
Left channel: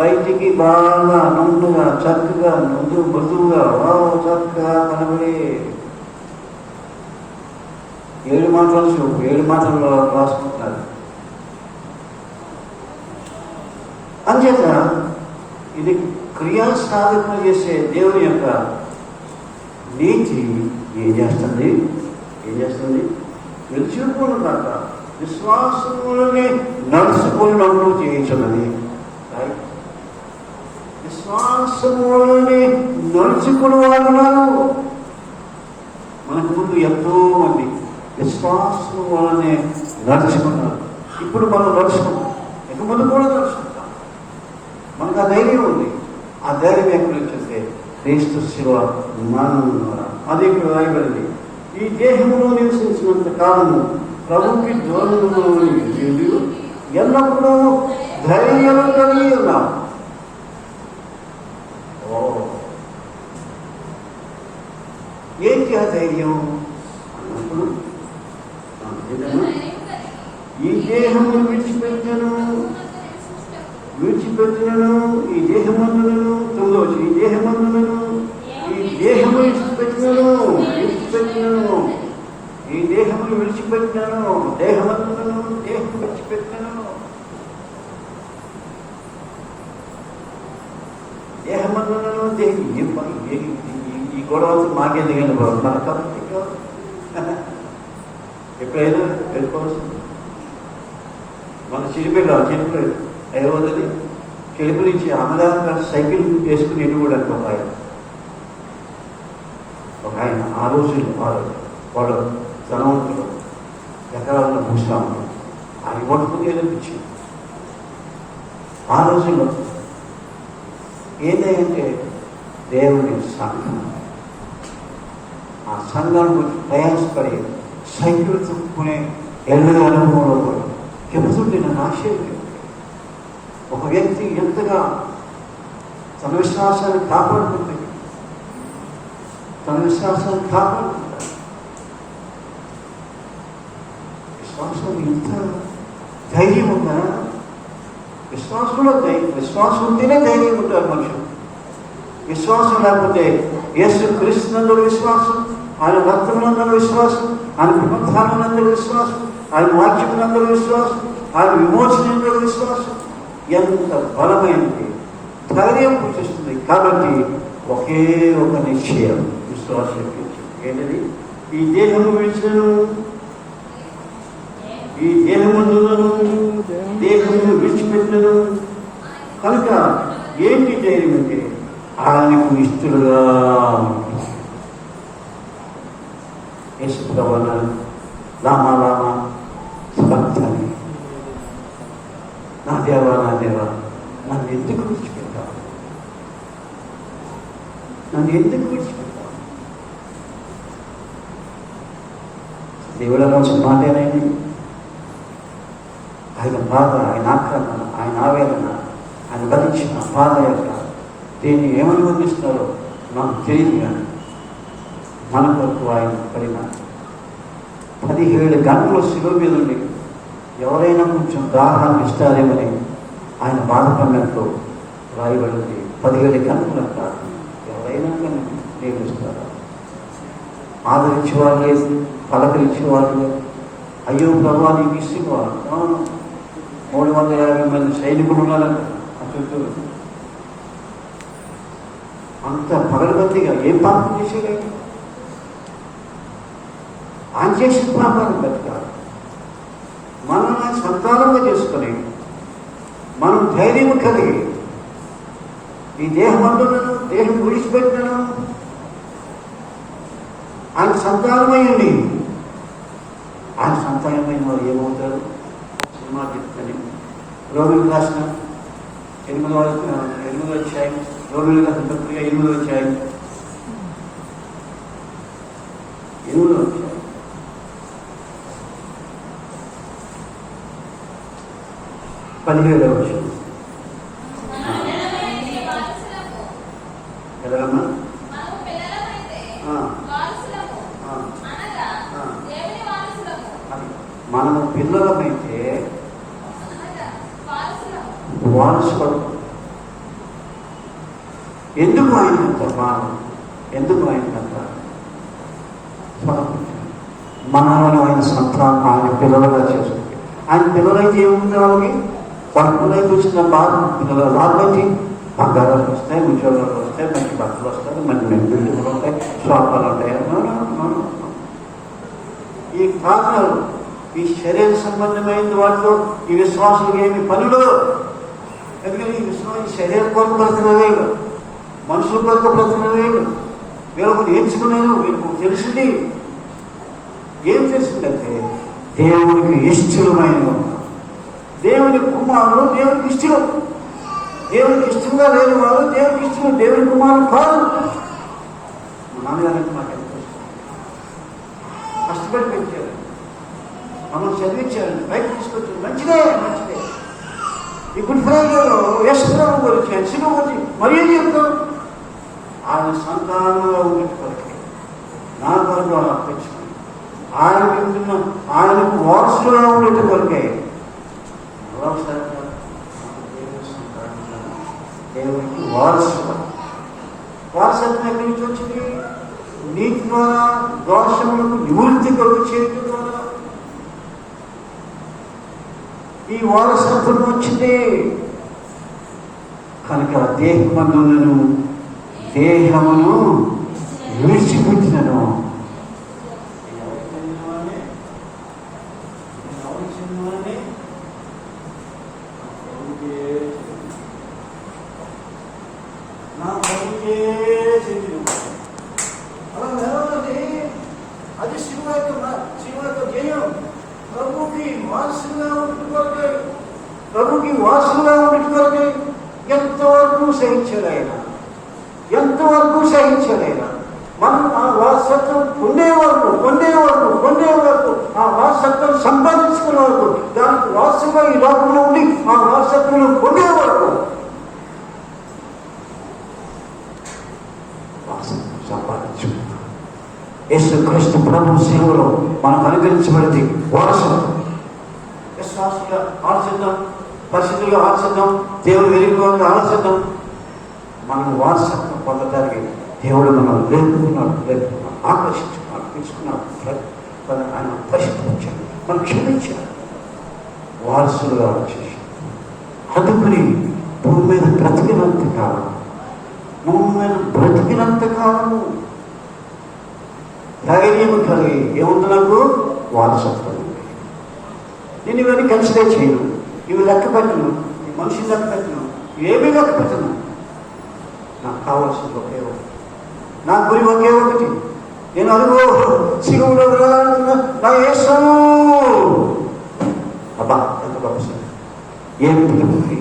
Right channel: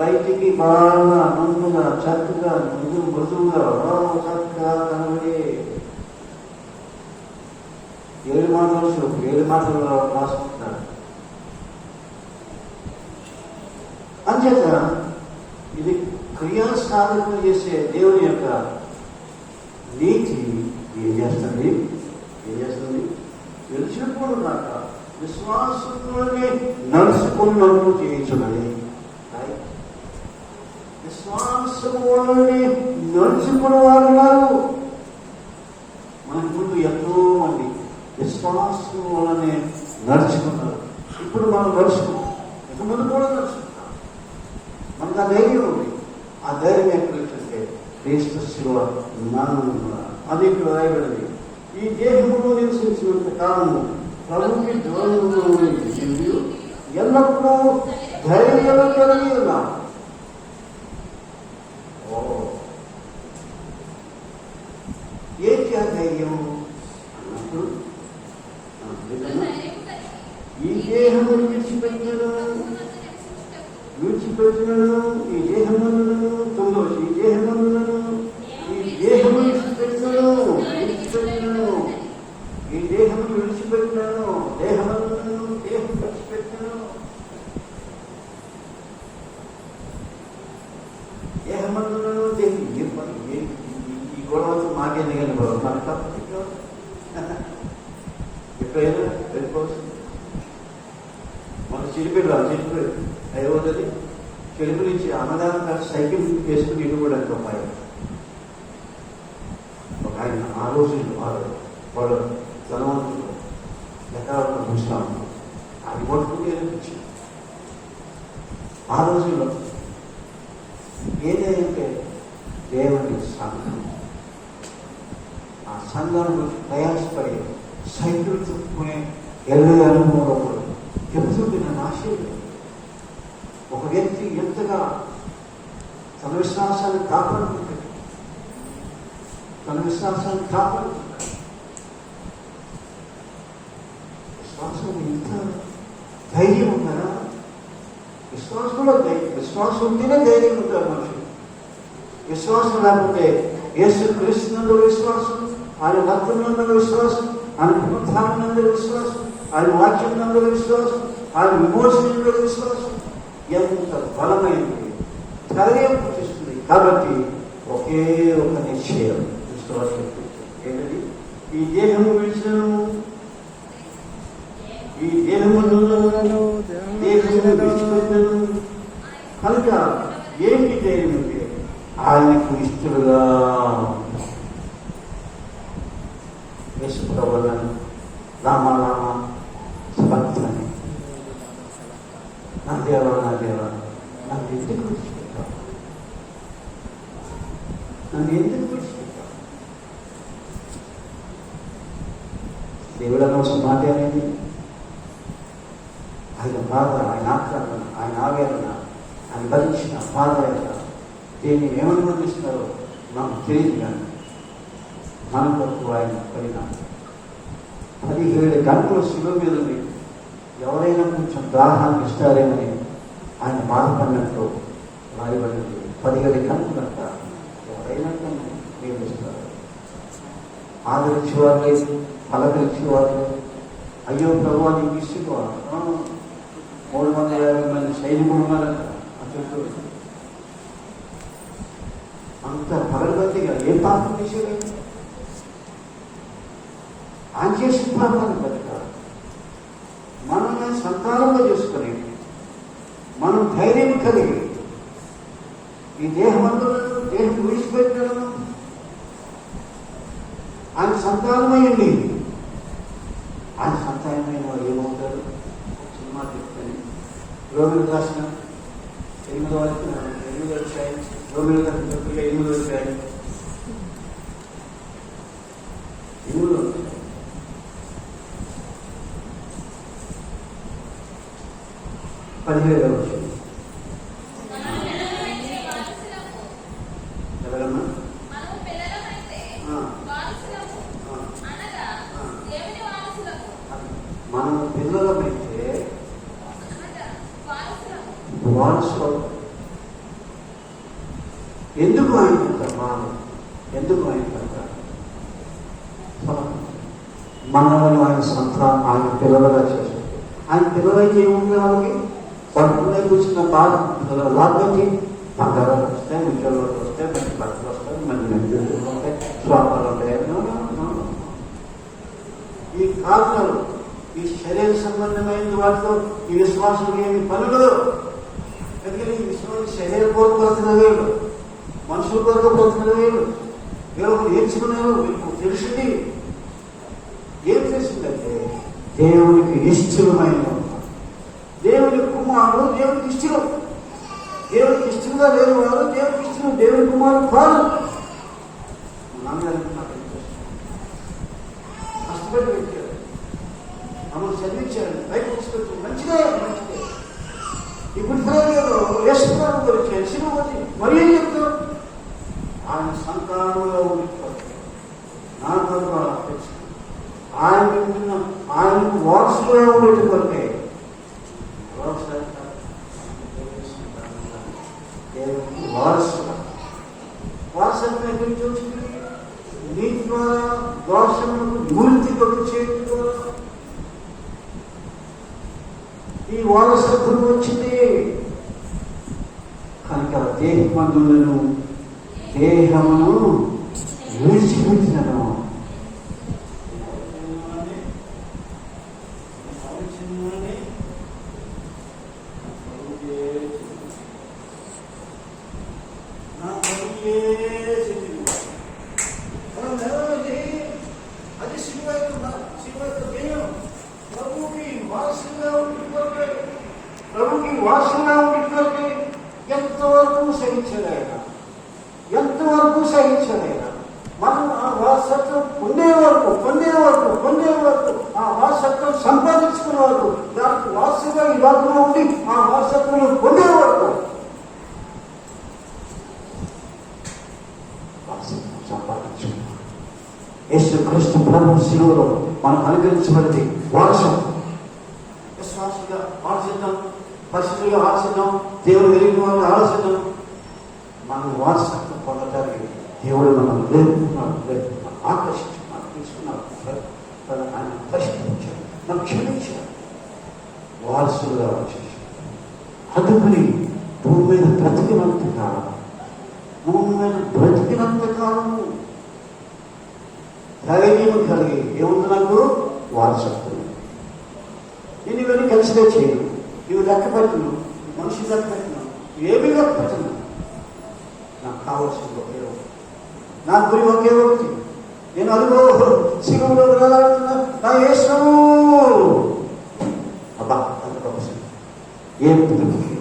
బయటికి బాగా నుండుగా చక్కగా మృదువుగా చక్కగా కనబడే 7 మాటలు 7 మాటలు రాసుకుంటున్నారు. అంచేత ఇది క్రియా సాధన చేసే దేవుని యొక్క నీతి ఏం చేస్తుంది? విడిచిపెట్టుకుని కాక విశ్వాసములని నడుచుకున్నట్టు చేయించున్నది. విశ్వాసములని నడుచుకుని వాడు మనకు ముందు ఎంతో మంది విశ్వాసం వలనే నడుచుకున్నారు. ఇప్పుడు మనం నడుచుకున్నాం, ఇక ముందు కూడా నడుచుకుంటాం. మనకు ఆ ధైర్యం ఉంది. ఆ ధైర్యం ఎక్కడి నుంచి వస్తే క్రీస్తు శివ మనం అది ఇక్కడ రాయబడింది. ఈ దేహంలో నివసించినంత కాలము ప్రభుకి దూరంలో ఎల్లప్పుడూ ధైర్యం కలిగి ఉన్నాం. ఏంటి ఆ ధైర్యం అన్నప్పుడు ఈ దేహమును విడిచిపెట్టినను ఈ దేహమందులను 9వ వచనం, ఈ దేహమందులను విడిచిపెట్టినను ఏం పని ఈ గొడవ మాకెందుకైనా మన తప్పు ఎక్కడైనా వెళ్ళిపోవలసింది. మన చిరుపిల్లలు ఏమవుతుంది, చెడుపు నుంచి అన్నదానంగా సైకిల్ వేసుకుని ఎన్ని కూడా అనుకుంటారు. ఒక ఆయన ఆ రోజులు వాళ్ళు ధనవంతులు ఎకరాలను పూస్తాము అది కొట్టుకుంటే అనిపించింది. ఆ రోజుల్లో ఏదంటే దేవుని సంఘం, ఆ సంఘం గురించి ప్రయాసపడి సైకిల్ చుట్టుకునే ఎల్లరి అనుభవంలో కూడా చెబుతుంటే నేను ఆశ్చర్యం. ఒక వ్యక్తి ఎంతగా తన విశ్వాసాన్ని కాపాడుకుంటే విశ్వాసం ఇంత ధైర్యం ఉందా? విశ్వాసం ఉంటేనే ధైర్యం ఉంటారు మనుషులు. విశ్వాసం లేకపోతే యేసు క్రీస్తునందు విశ్వాసం, ఆయన రక్తమునందు విశ్వాసం, ఆయన పునరుత్థానమునందు విశ్వాసం, ఆయన వాక్యమునందు విశ్వాసం, ఆయన విమోచనంలో విశ్వాసం ఎంత బలమైనది, ధైర్యం పుట్టిస్తుంది. కాబట్టి ఒకే ఒక నిశ్చయం విశ్వాసం ఏంటది? ఈ దేహము విడిచినను, ఈ దేహమును విడిచిపెట్టను. కనుక ఏంటి ధైర్యం అంటే ఆయనకు ఇష్టలుగా యేసుప్రభువును లామా లామా సబక్తని, నా దేవా నన్ను ఎందుకు విడిచిపెట్టావు? నన్ను ఎందుకు విడిచిపెట్టావు? దేవుల కోసం మాటేనండి. ఆయన బాధ, ఆయన ఆక్రమణ, ఆయన ఆవేదన, ఆయన భరించిన పాదయాత్ర, దీన్ని ఏమని వర్ణిస్తున్నారో నాకు తెలియదు. కానీ మన కొరకు ఆయన పరిమాణం 17 గంటలు శిలువ మీద ఉంది. ఎవరైనా కొంచెం దాహాన్ని ఇస్తారేమని ఆయన బాధపడినట్టు రాయబడింది. 17 గంటలంట ఎవరైనా కానీ నేను ఇస్తారా? ఆదరించేవారు లేదు, పలకరించేవారు లేదు. అయ్యో ప్రభావ నీకు ఇస్తున్నారు, 350 మంది సైనికులు ఉన్నారంట చుట్టూ. అంత పగలబద్దిగా ఏం పాపం చేసేవాడు? ఆయన చేసిన పాపాన్ని బతికాడు. మనల్ని సంతానంగా చేసుకొని మనం ధైర్యం కలిగి ఈ దేహం అంటున్నాను, దేహం విడిచిపెట్టినాను, ఆయన సంతానమైంది. ఆయన సంతానమైన వాళ్ళు ఏమవుతారు? సినిమా చెప్తాను. రోమిలకు రాసిన 8 వచ్చాయి, రోమిలకు రాసిన పత్రిక 8 వచ్చాయి, 8 వచ్చాయి. 17వ వచనం ఎలాగమ్మా? మనము పిల్లలమైతే వారసులు. ఎందుకు ఆయన మనం ఎందుకు ఆయన మనల్ని ఆయన సంతానం, ఆయన పిల్లలుగా చేసుకుంటాం. ఆయన పిల్లలైతే ఏముంది? వాళ్ళకి వచ్చిన బాధ పిల్లలు రాబట్టి బంగారాలు వస్తాయి, ఉద్యోగాలు వస్తాయి, మంచి బట్టలు వస్తాయి, మంచి బిల్డింగ్లు ఉంటాయి, షాపాలు ఉంటాయి. ఈ కారణాలు, ఈ శరీర సంబంధమైన వాటిలో ఈ విశ్వాసానికి ఏమి పనులు? ఎందుకంటే ఈ విశ్వాసం శరీర కొరకు బ్రతకలేదు, మనుషుల కొరకు బ్రతకలేదు. వీళ్ళకు నేర్చుకున్నాను, వీళ్ళకు తెలిసింది. ఏం తెలిసిందంటే దేవునికి ఇష్టమైన, దేవుని కుమారుడు దేవునికి ఇష్టం. దేవునికి ఇష్టంగా లేని వాడు దేవునికి ఇష్టం, దేవుని కుమారుడు కాదు. నాన్నగారికి నాకు కష్టపడి పెంచారు, మనం చదివించారు, బయట తీసుకొచ్చారు. మంచిదే. ఇప్పుడు ప్రజల్లో యశ్వరావు గురించి శిలువ గురించి మరి ఏం చెప్తారు? ఆయన సంతానంలో ఉండిపోతారు. నా కొరకు వాళ్ళు అప్పచ్చుకున్నారు. ఆయన వింటున్న ఆయనకు వారసులుగా ఉండేటి కొరకే దేవునికి వారసత్వం ఎక్కడి నుంచి వచ్చింది? నీతి ద్వారా, దోషములకు నివృత్తి కొరకు చేయడం ద్వారా ఈ వారసత్వం వచ్చింది. కనుక దేహమందులను దేహమును విడిచిపెట్టినను. అది శివ యొక్క జయం. ప్రభుకి వారసుగా ఉంటుకోకే, ప్రభుకి వారసుగా ఉంటుకోకే ఎంతవరకు సహించాడు ఆయన, ఎంతవరకు సహించాడు ఆయన. మనం ఆ వారసత్వం పొందే వరకు ఆ వారసత్వం సంపాదించుకునే వరకు, దానికి వారసుగా ఈ లోకంలో ఉండి ఆ వారసత్వం పొందే వరకు సంపాదించు. యేసుక్రీస్తు ప్రభు శిలువలో మనకు అనుగ్రహించబడింది వారసత్వం. విశ్వాసంగా ఆలోచిద్దాం, పరిస్థితుల్లో ఆలోచిద్దాం, దేవుడు వెలుగులో ఆలోచిద్దాం. మన వారసత్వం పొందడానికి దేవుడు మనల్ని లేపుకున్నాడు, ఆకర్షించుకున్నాడు, తీసుకున్నాడు. ఆయన పరిష్కరించాడు, మనం క్షమించాడు, వారసులుగా వచ్చేసి అందుకని భూమి మీద బ్రతికినంత కాలము ధైర్యం కలిగి ఏముంది నాకు వారసత్వం. నేను ఇవన్నీ కన్సిడర్ చేయను, ఇవి లెక్క పెట్టను, మనిషిని లెక్క పెట్టను, ఏమీ లెక్క పెట్టను. నాకు కావాల్సింది ఒకే ఒకటి, నా గురి ఒకే ఒకటి. నేను అనుకో సిగులో నా యేసు అబ్బా ఎంత గొప్ప ఏం పిలుపుకి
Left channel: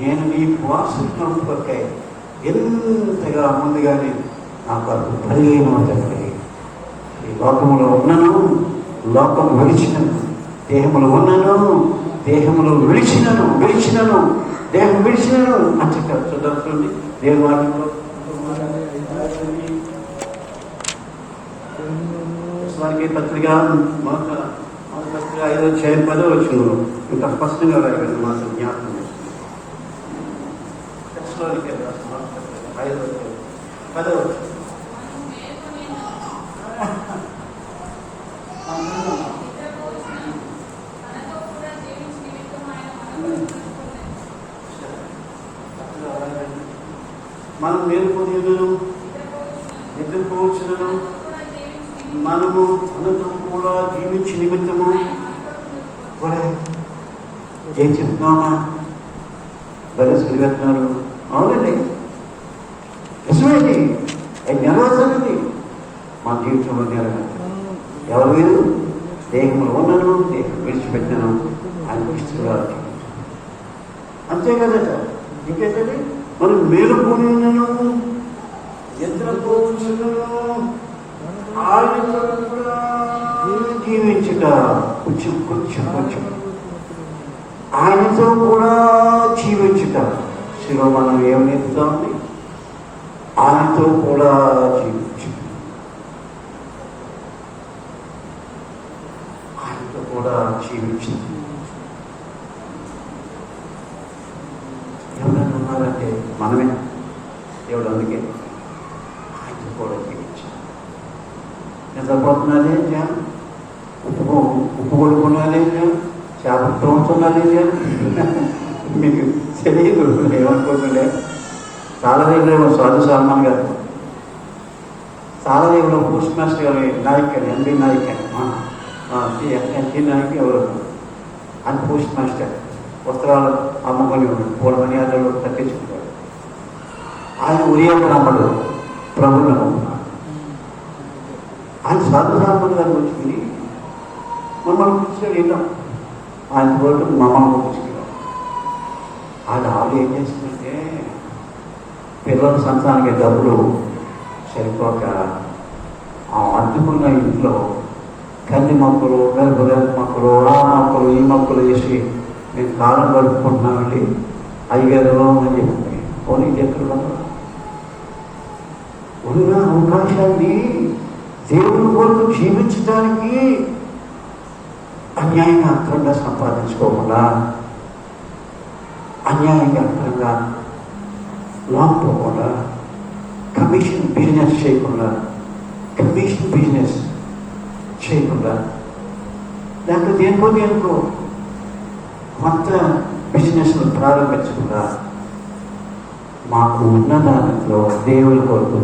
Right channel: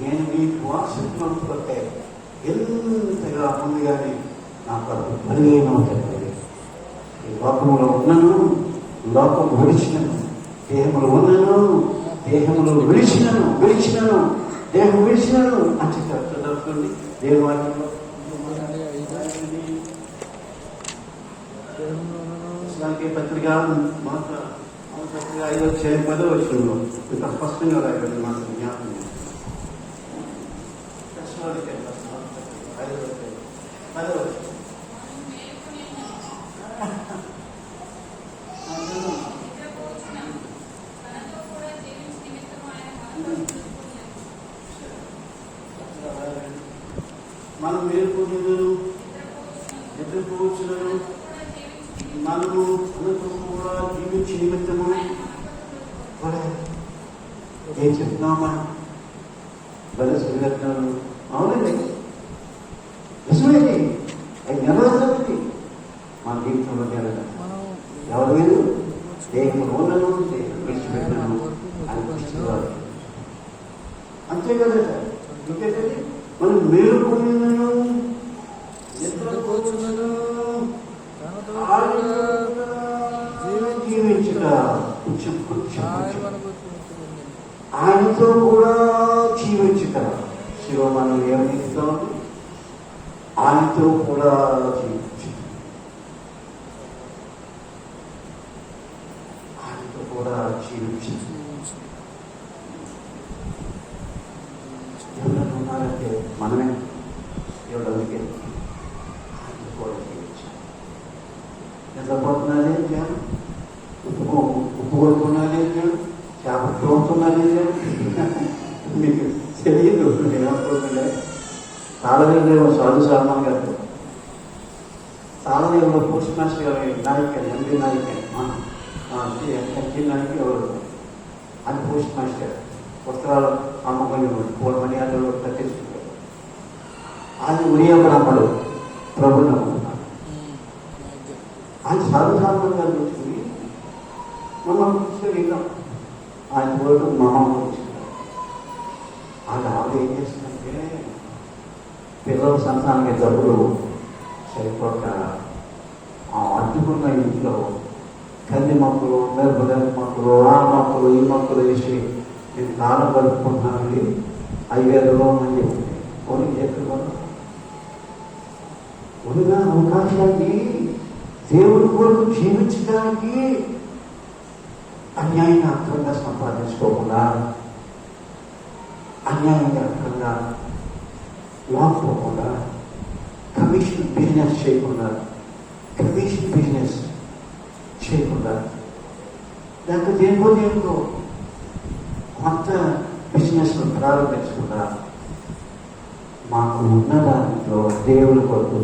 నేను నీకు వారసులకే ఎంతగా ముందుగానే నాకు అది కలిగేమంటే ఈ లోకంలో ఉన్నాను, లోకం విడిచినను, దేహములు ఉన్నాను, దేహములు విడిచినను, దేహం విడిచినను అని చెప్పారు. చదువుతుంది దేవుని వాక్యంలో పత్రిక మొదటి పత్రిక 5వ అధ్యాయం 10వ వచనంలో ఇంకా స్పష్టంగా రాయగలను. మాత్రం జ్ఞాపకం 5వ అధ్యాయం 10వ వచనం. మనం మేలుకొని నిద్రపోవచ్చును, మనము అనంతరం కూడా జీవించి నిమిత్తము ఏం చెప్తున్నామా బలసిరిగట్టినారు. అవునండి, నిజమేది, అది నెరవేర్చండి మా జీవితంలో. ఎవరు మీరు దేహంలో ఉన్నాను, దేహం విడిచిపెట్టాను అనిపిస్తున్నారు. అంతే కదా సార్, ఇంకేంటండి మనం మేలుకొని నిద్రపోవచ్చును, జీవించుట కొంచెం ఆయనతో కూడా జీవించుట. శివ మనం ఏమవుతామండి, ఆయనతో కూడా జీవించు, ఆయనతో కూడా జీవించు. ఎవరైనా ఉన్నారంటే మనమే. దేవుడు అందుకే ఆయనతో కూడా జీవించు. నిద్రపోతున్నారే చేయాలి, ఉప్పు కొడుకున్నారే చేయాలి, చేప తోముతున్నారే చేయాలి. మీకు తెలియదు ఏమనుకోకుండా. తాళదేవులో సాధు సల్మాన్ గారు, తాళదేవులో పోస్ట్ మాస్టర్ గారు నాయక్ ఎండి నాయక్ ఎండి నాయక్ ఎవరు అని పోస్ట్ మాస్టర్ వస్త్రాలు అమ్ముకొని పూల మర్యాదలు తగ్గించుకుంటారు. ఆయన ఉదయం నమ్మడు, ప్రభువులు నమ్ముతున్నారు. ఆయన సాధు సల్మాన్ గారు వచ్చి మమ్మల్ని కూర్చోలేదా, ఆయన పోయి మమ్మల్ని కూర్చున్నారు. ఆయన ఆవిడ ఏం చేస్తుందంటే పిల్లల సంతానానికి డబ్బులు సరిపోక ఆ అడ్డుకున్న ఇంట్లో కన్ని మొక్కలు, గర్భగర్భ మొక్కలు, ఆ మొక్కలు, ఈ మొక్కలు వేసి నేను కాలం గడుపుకుంటున్నానండి, 5,000 అని చెప్పి పోనీ చెప్తున్నా. ఉన్న అవకాశాన్ని దేవుని కొరకు జీవించడానికి అన్యాయంగా అర్థంగా సంపాదించుకోకుండా, అన్యాయంగా అర్థంగా లాక్కోకుండా, కమిషన్ బిజినెస్ చేయకుండా లేకపోతే దేనికో కొత్త బిజినెస్ను ప్రారంభించకుండా మాకు ఉన్న దాంట్లో దేవుని కొరకు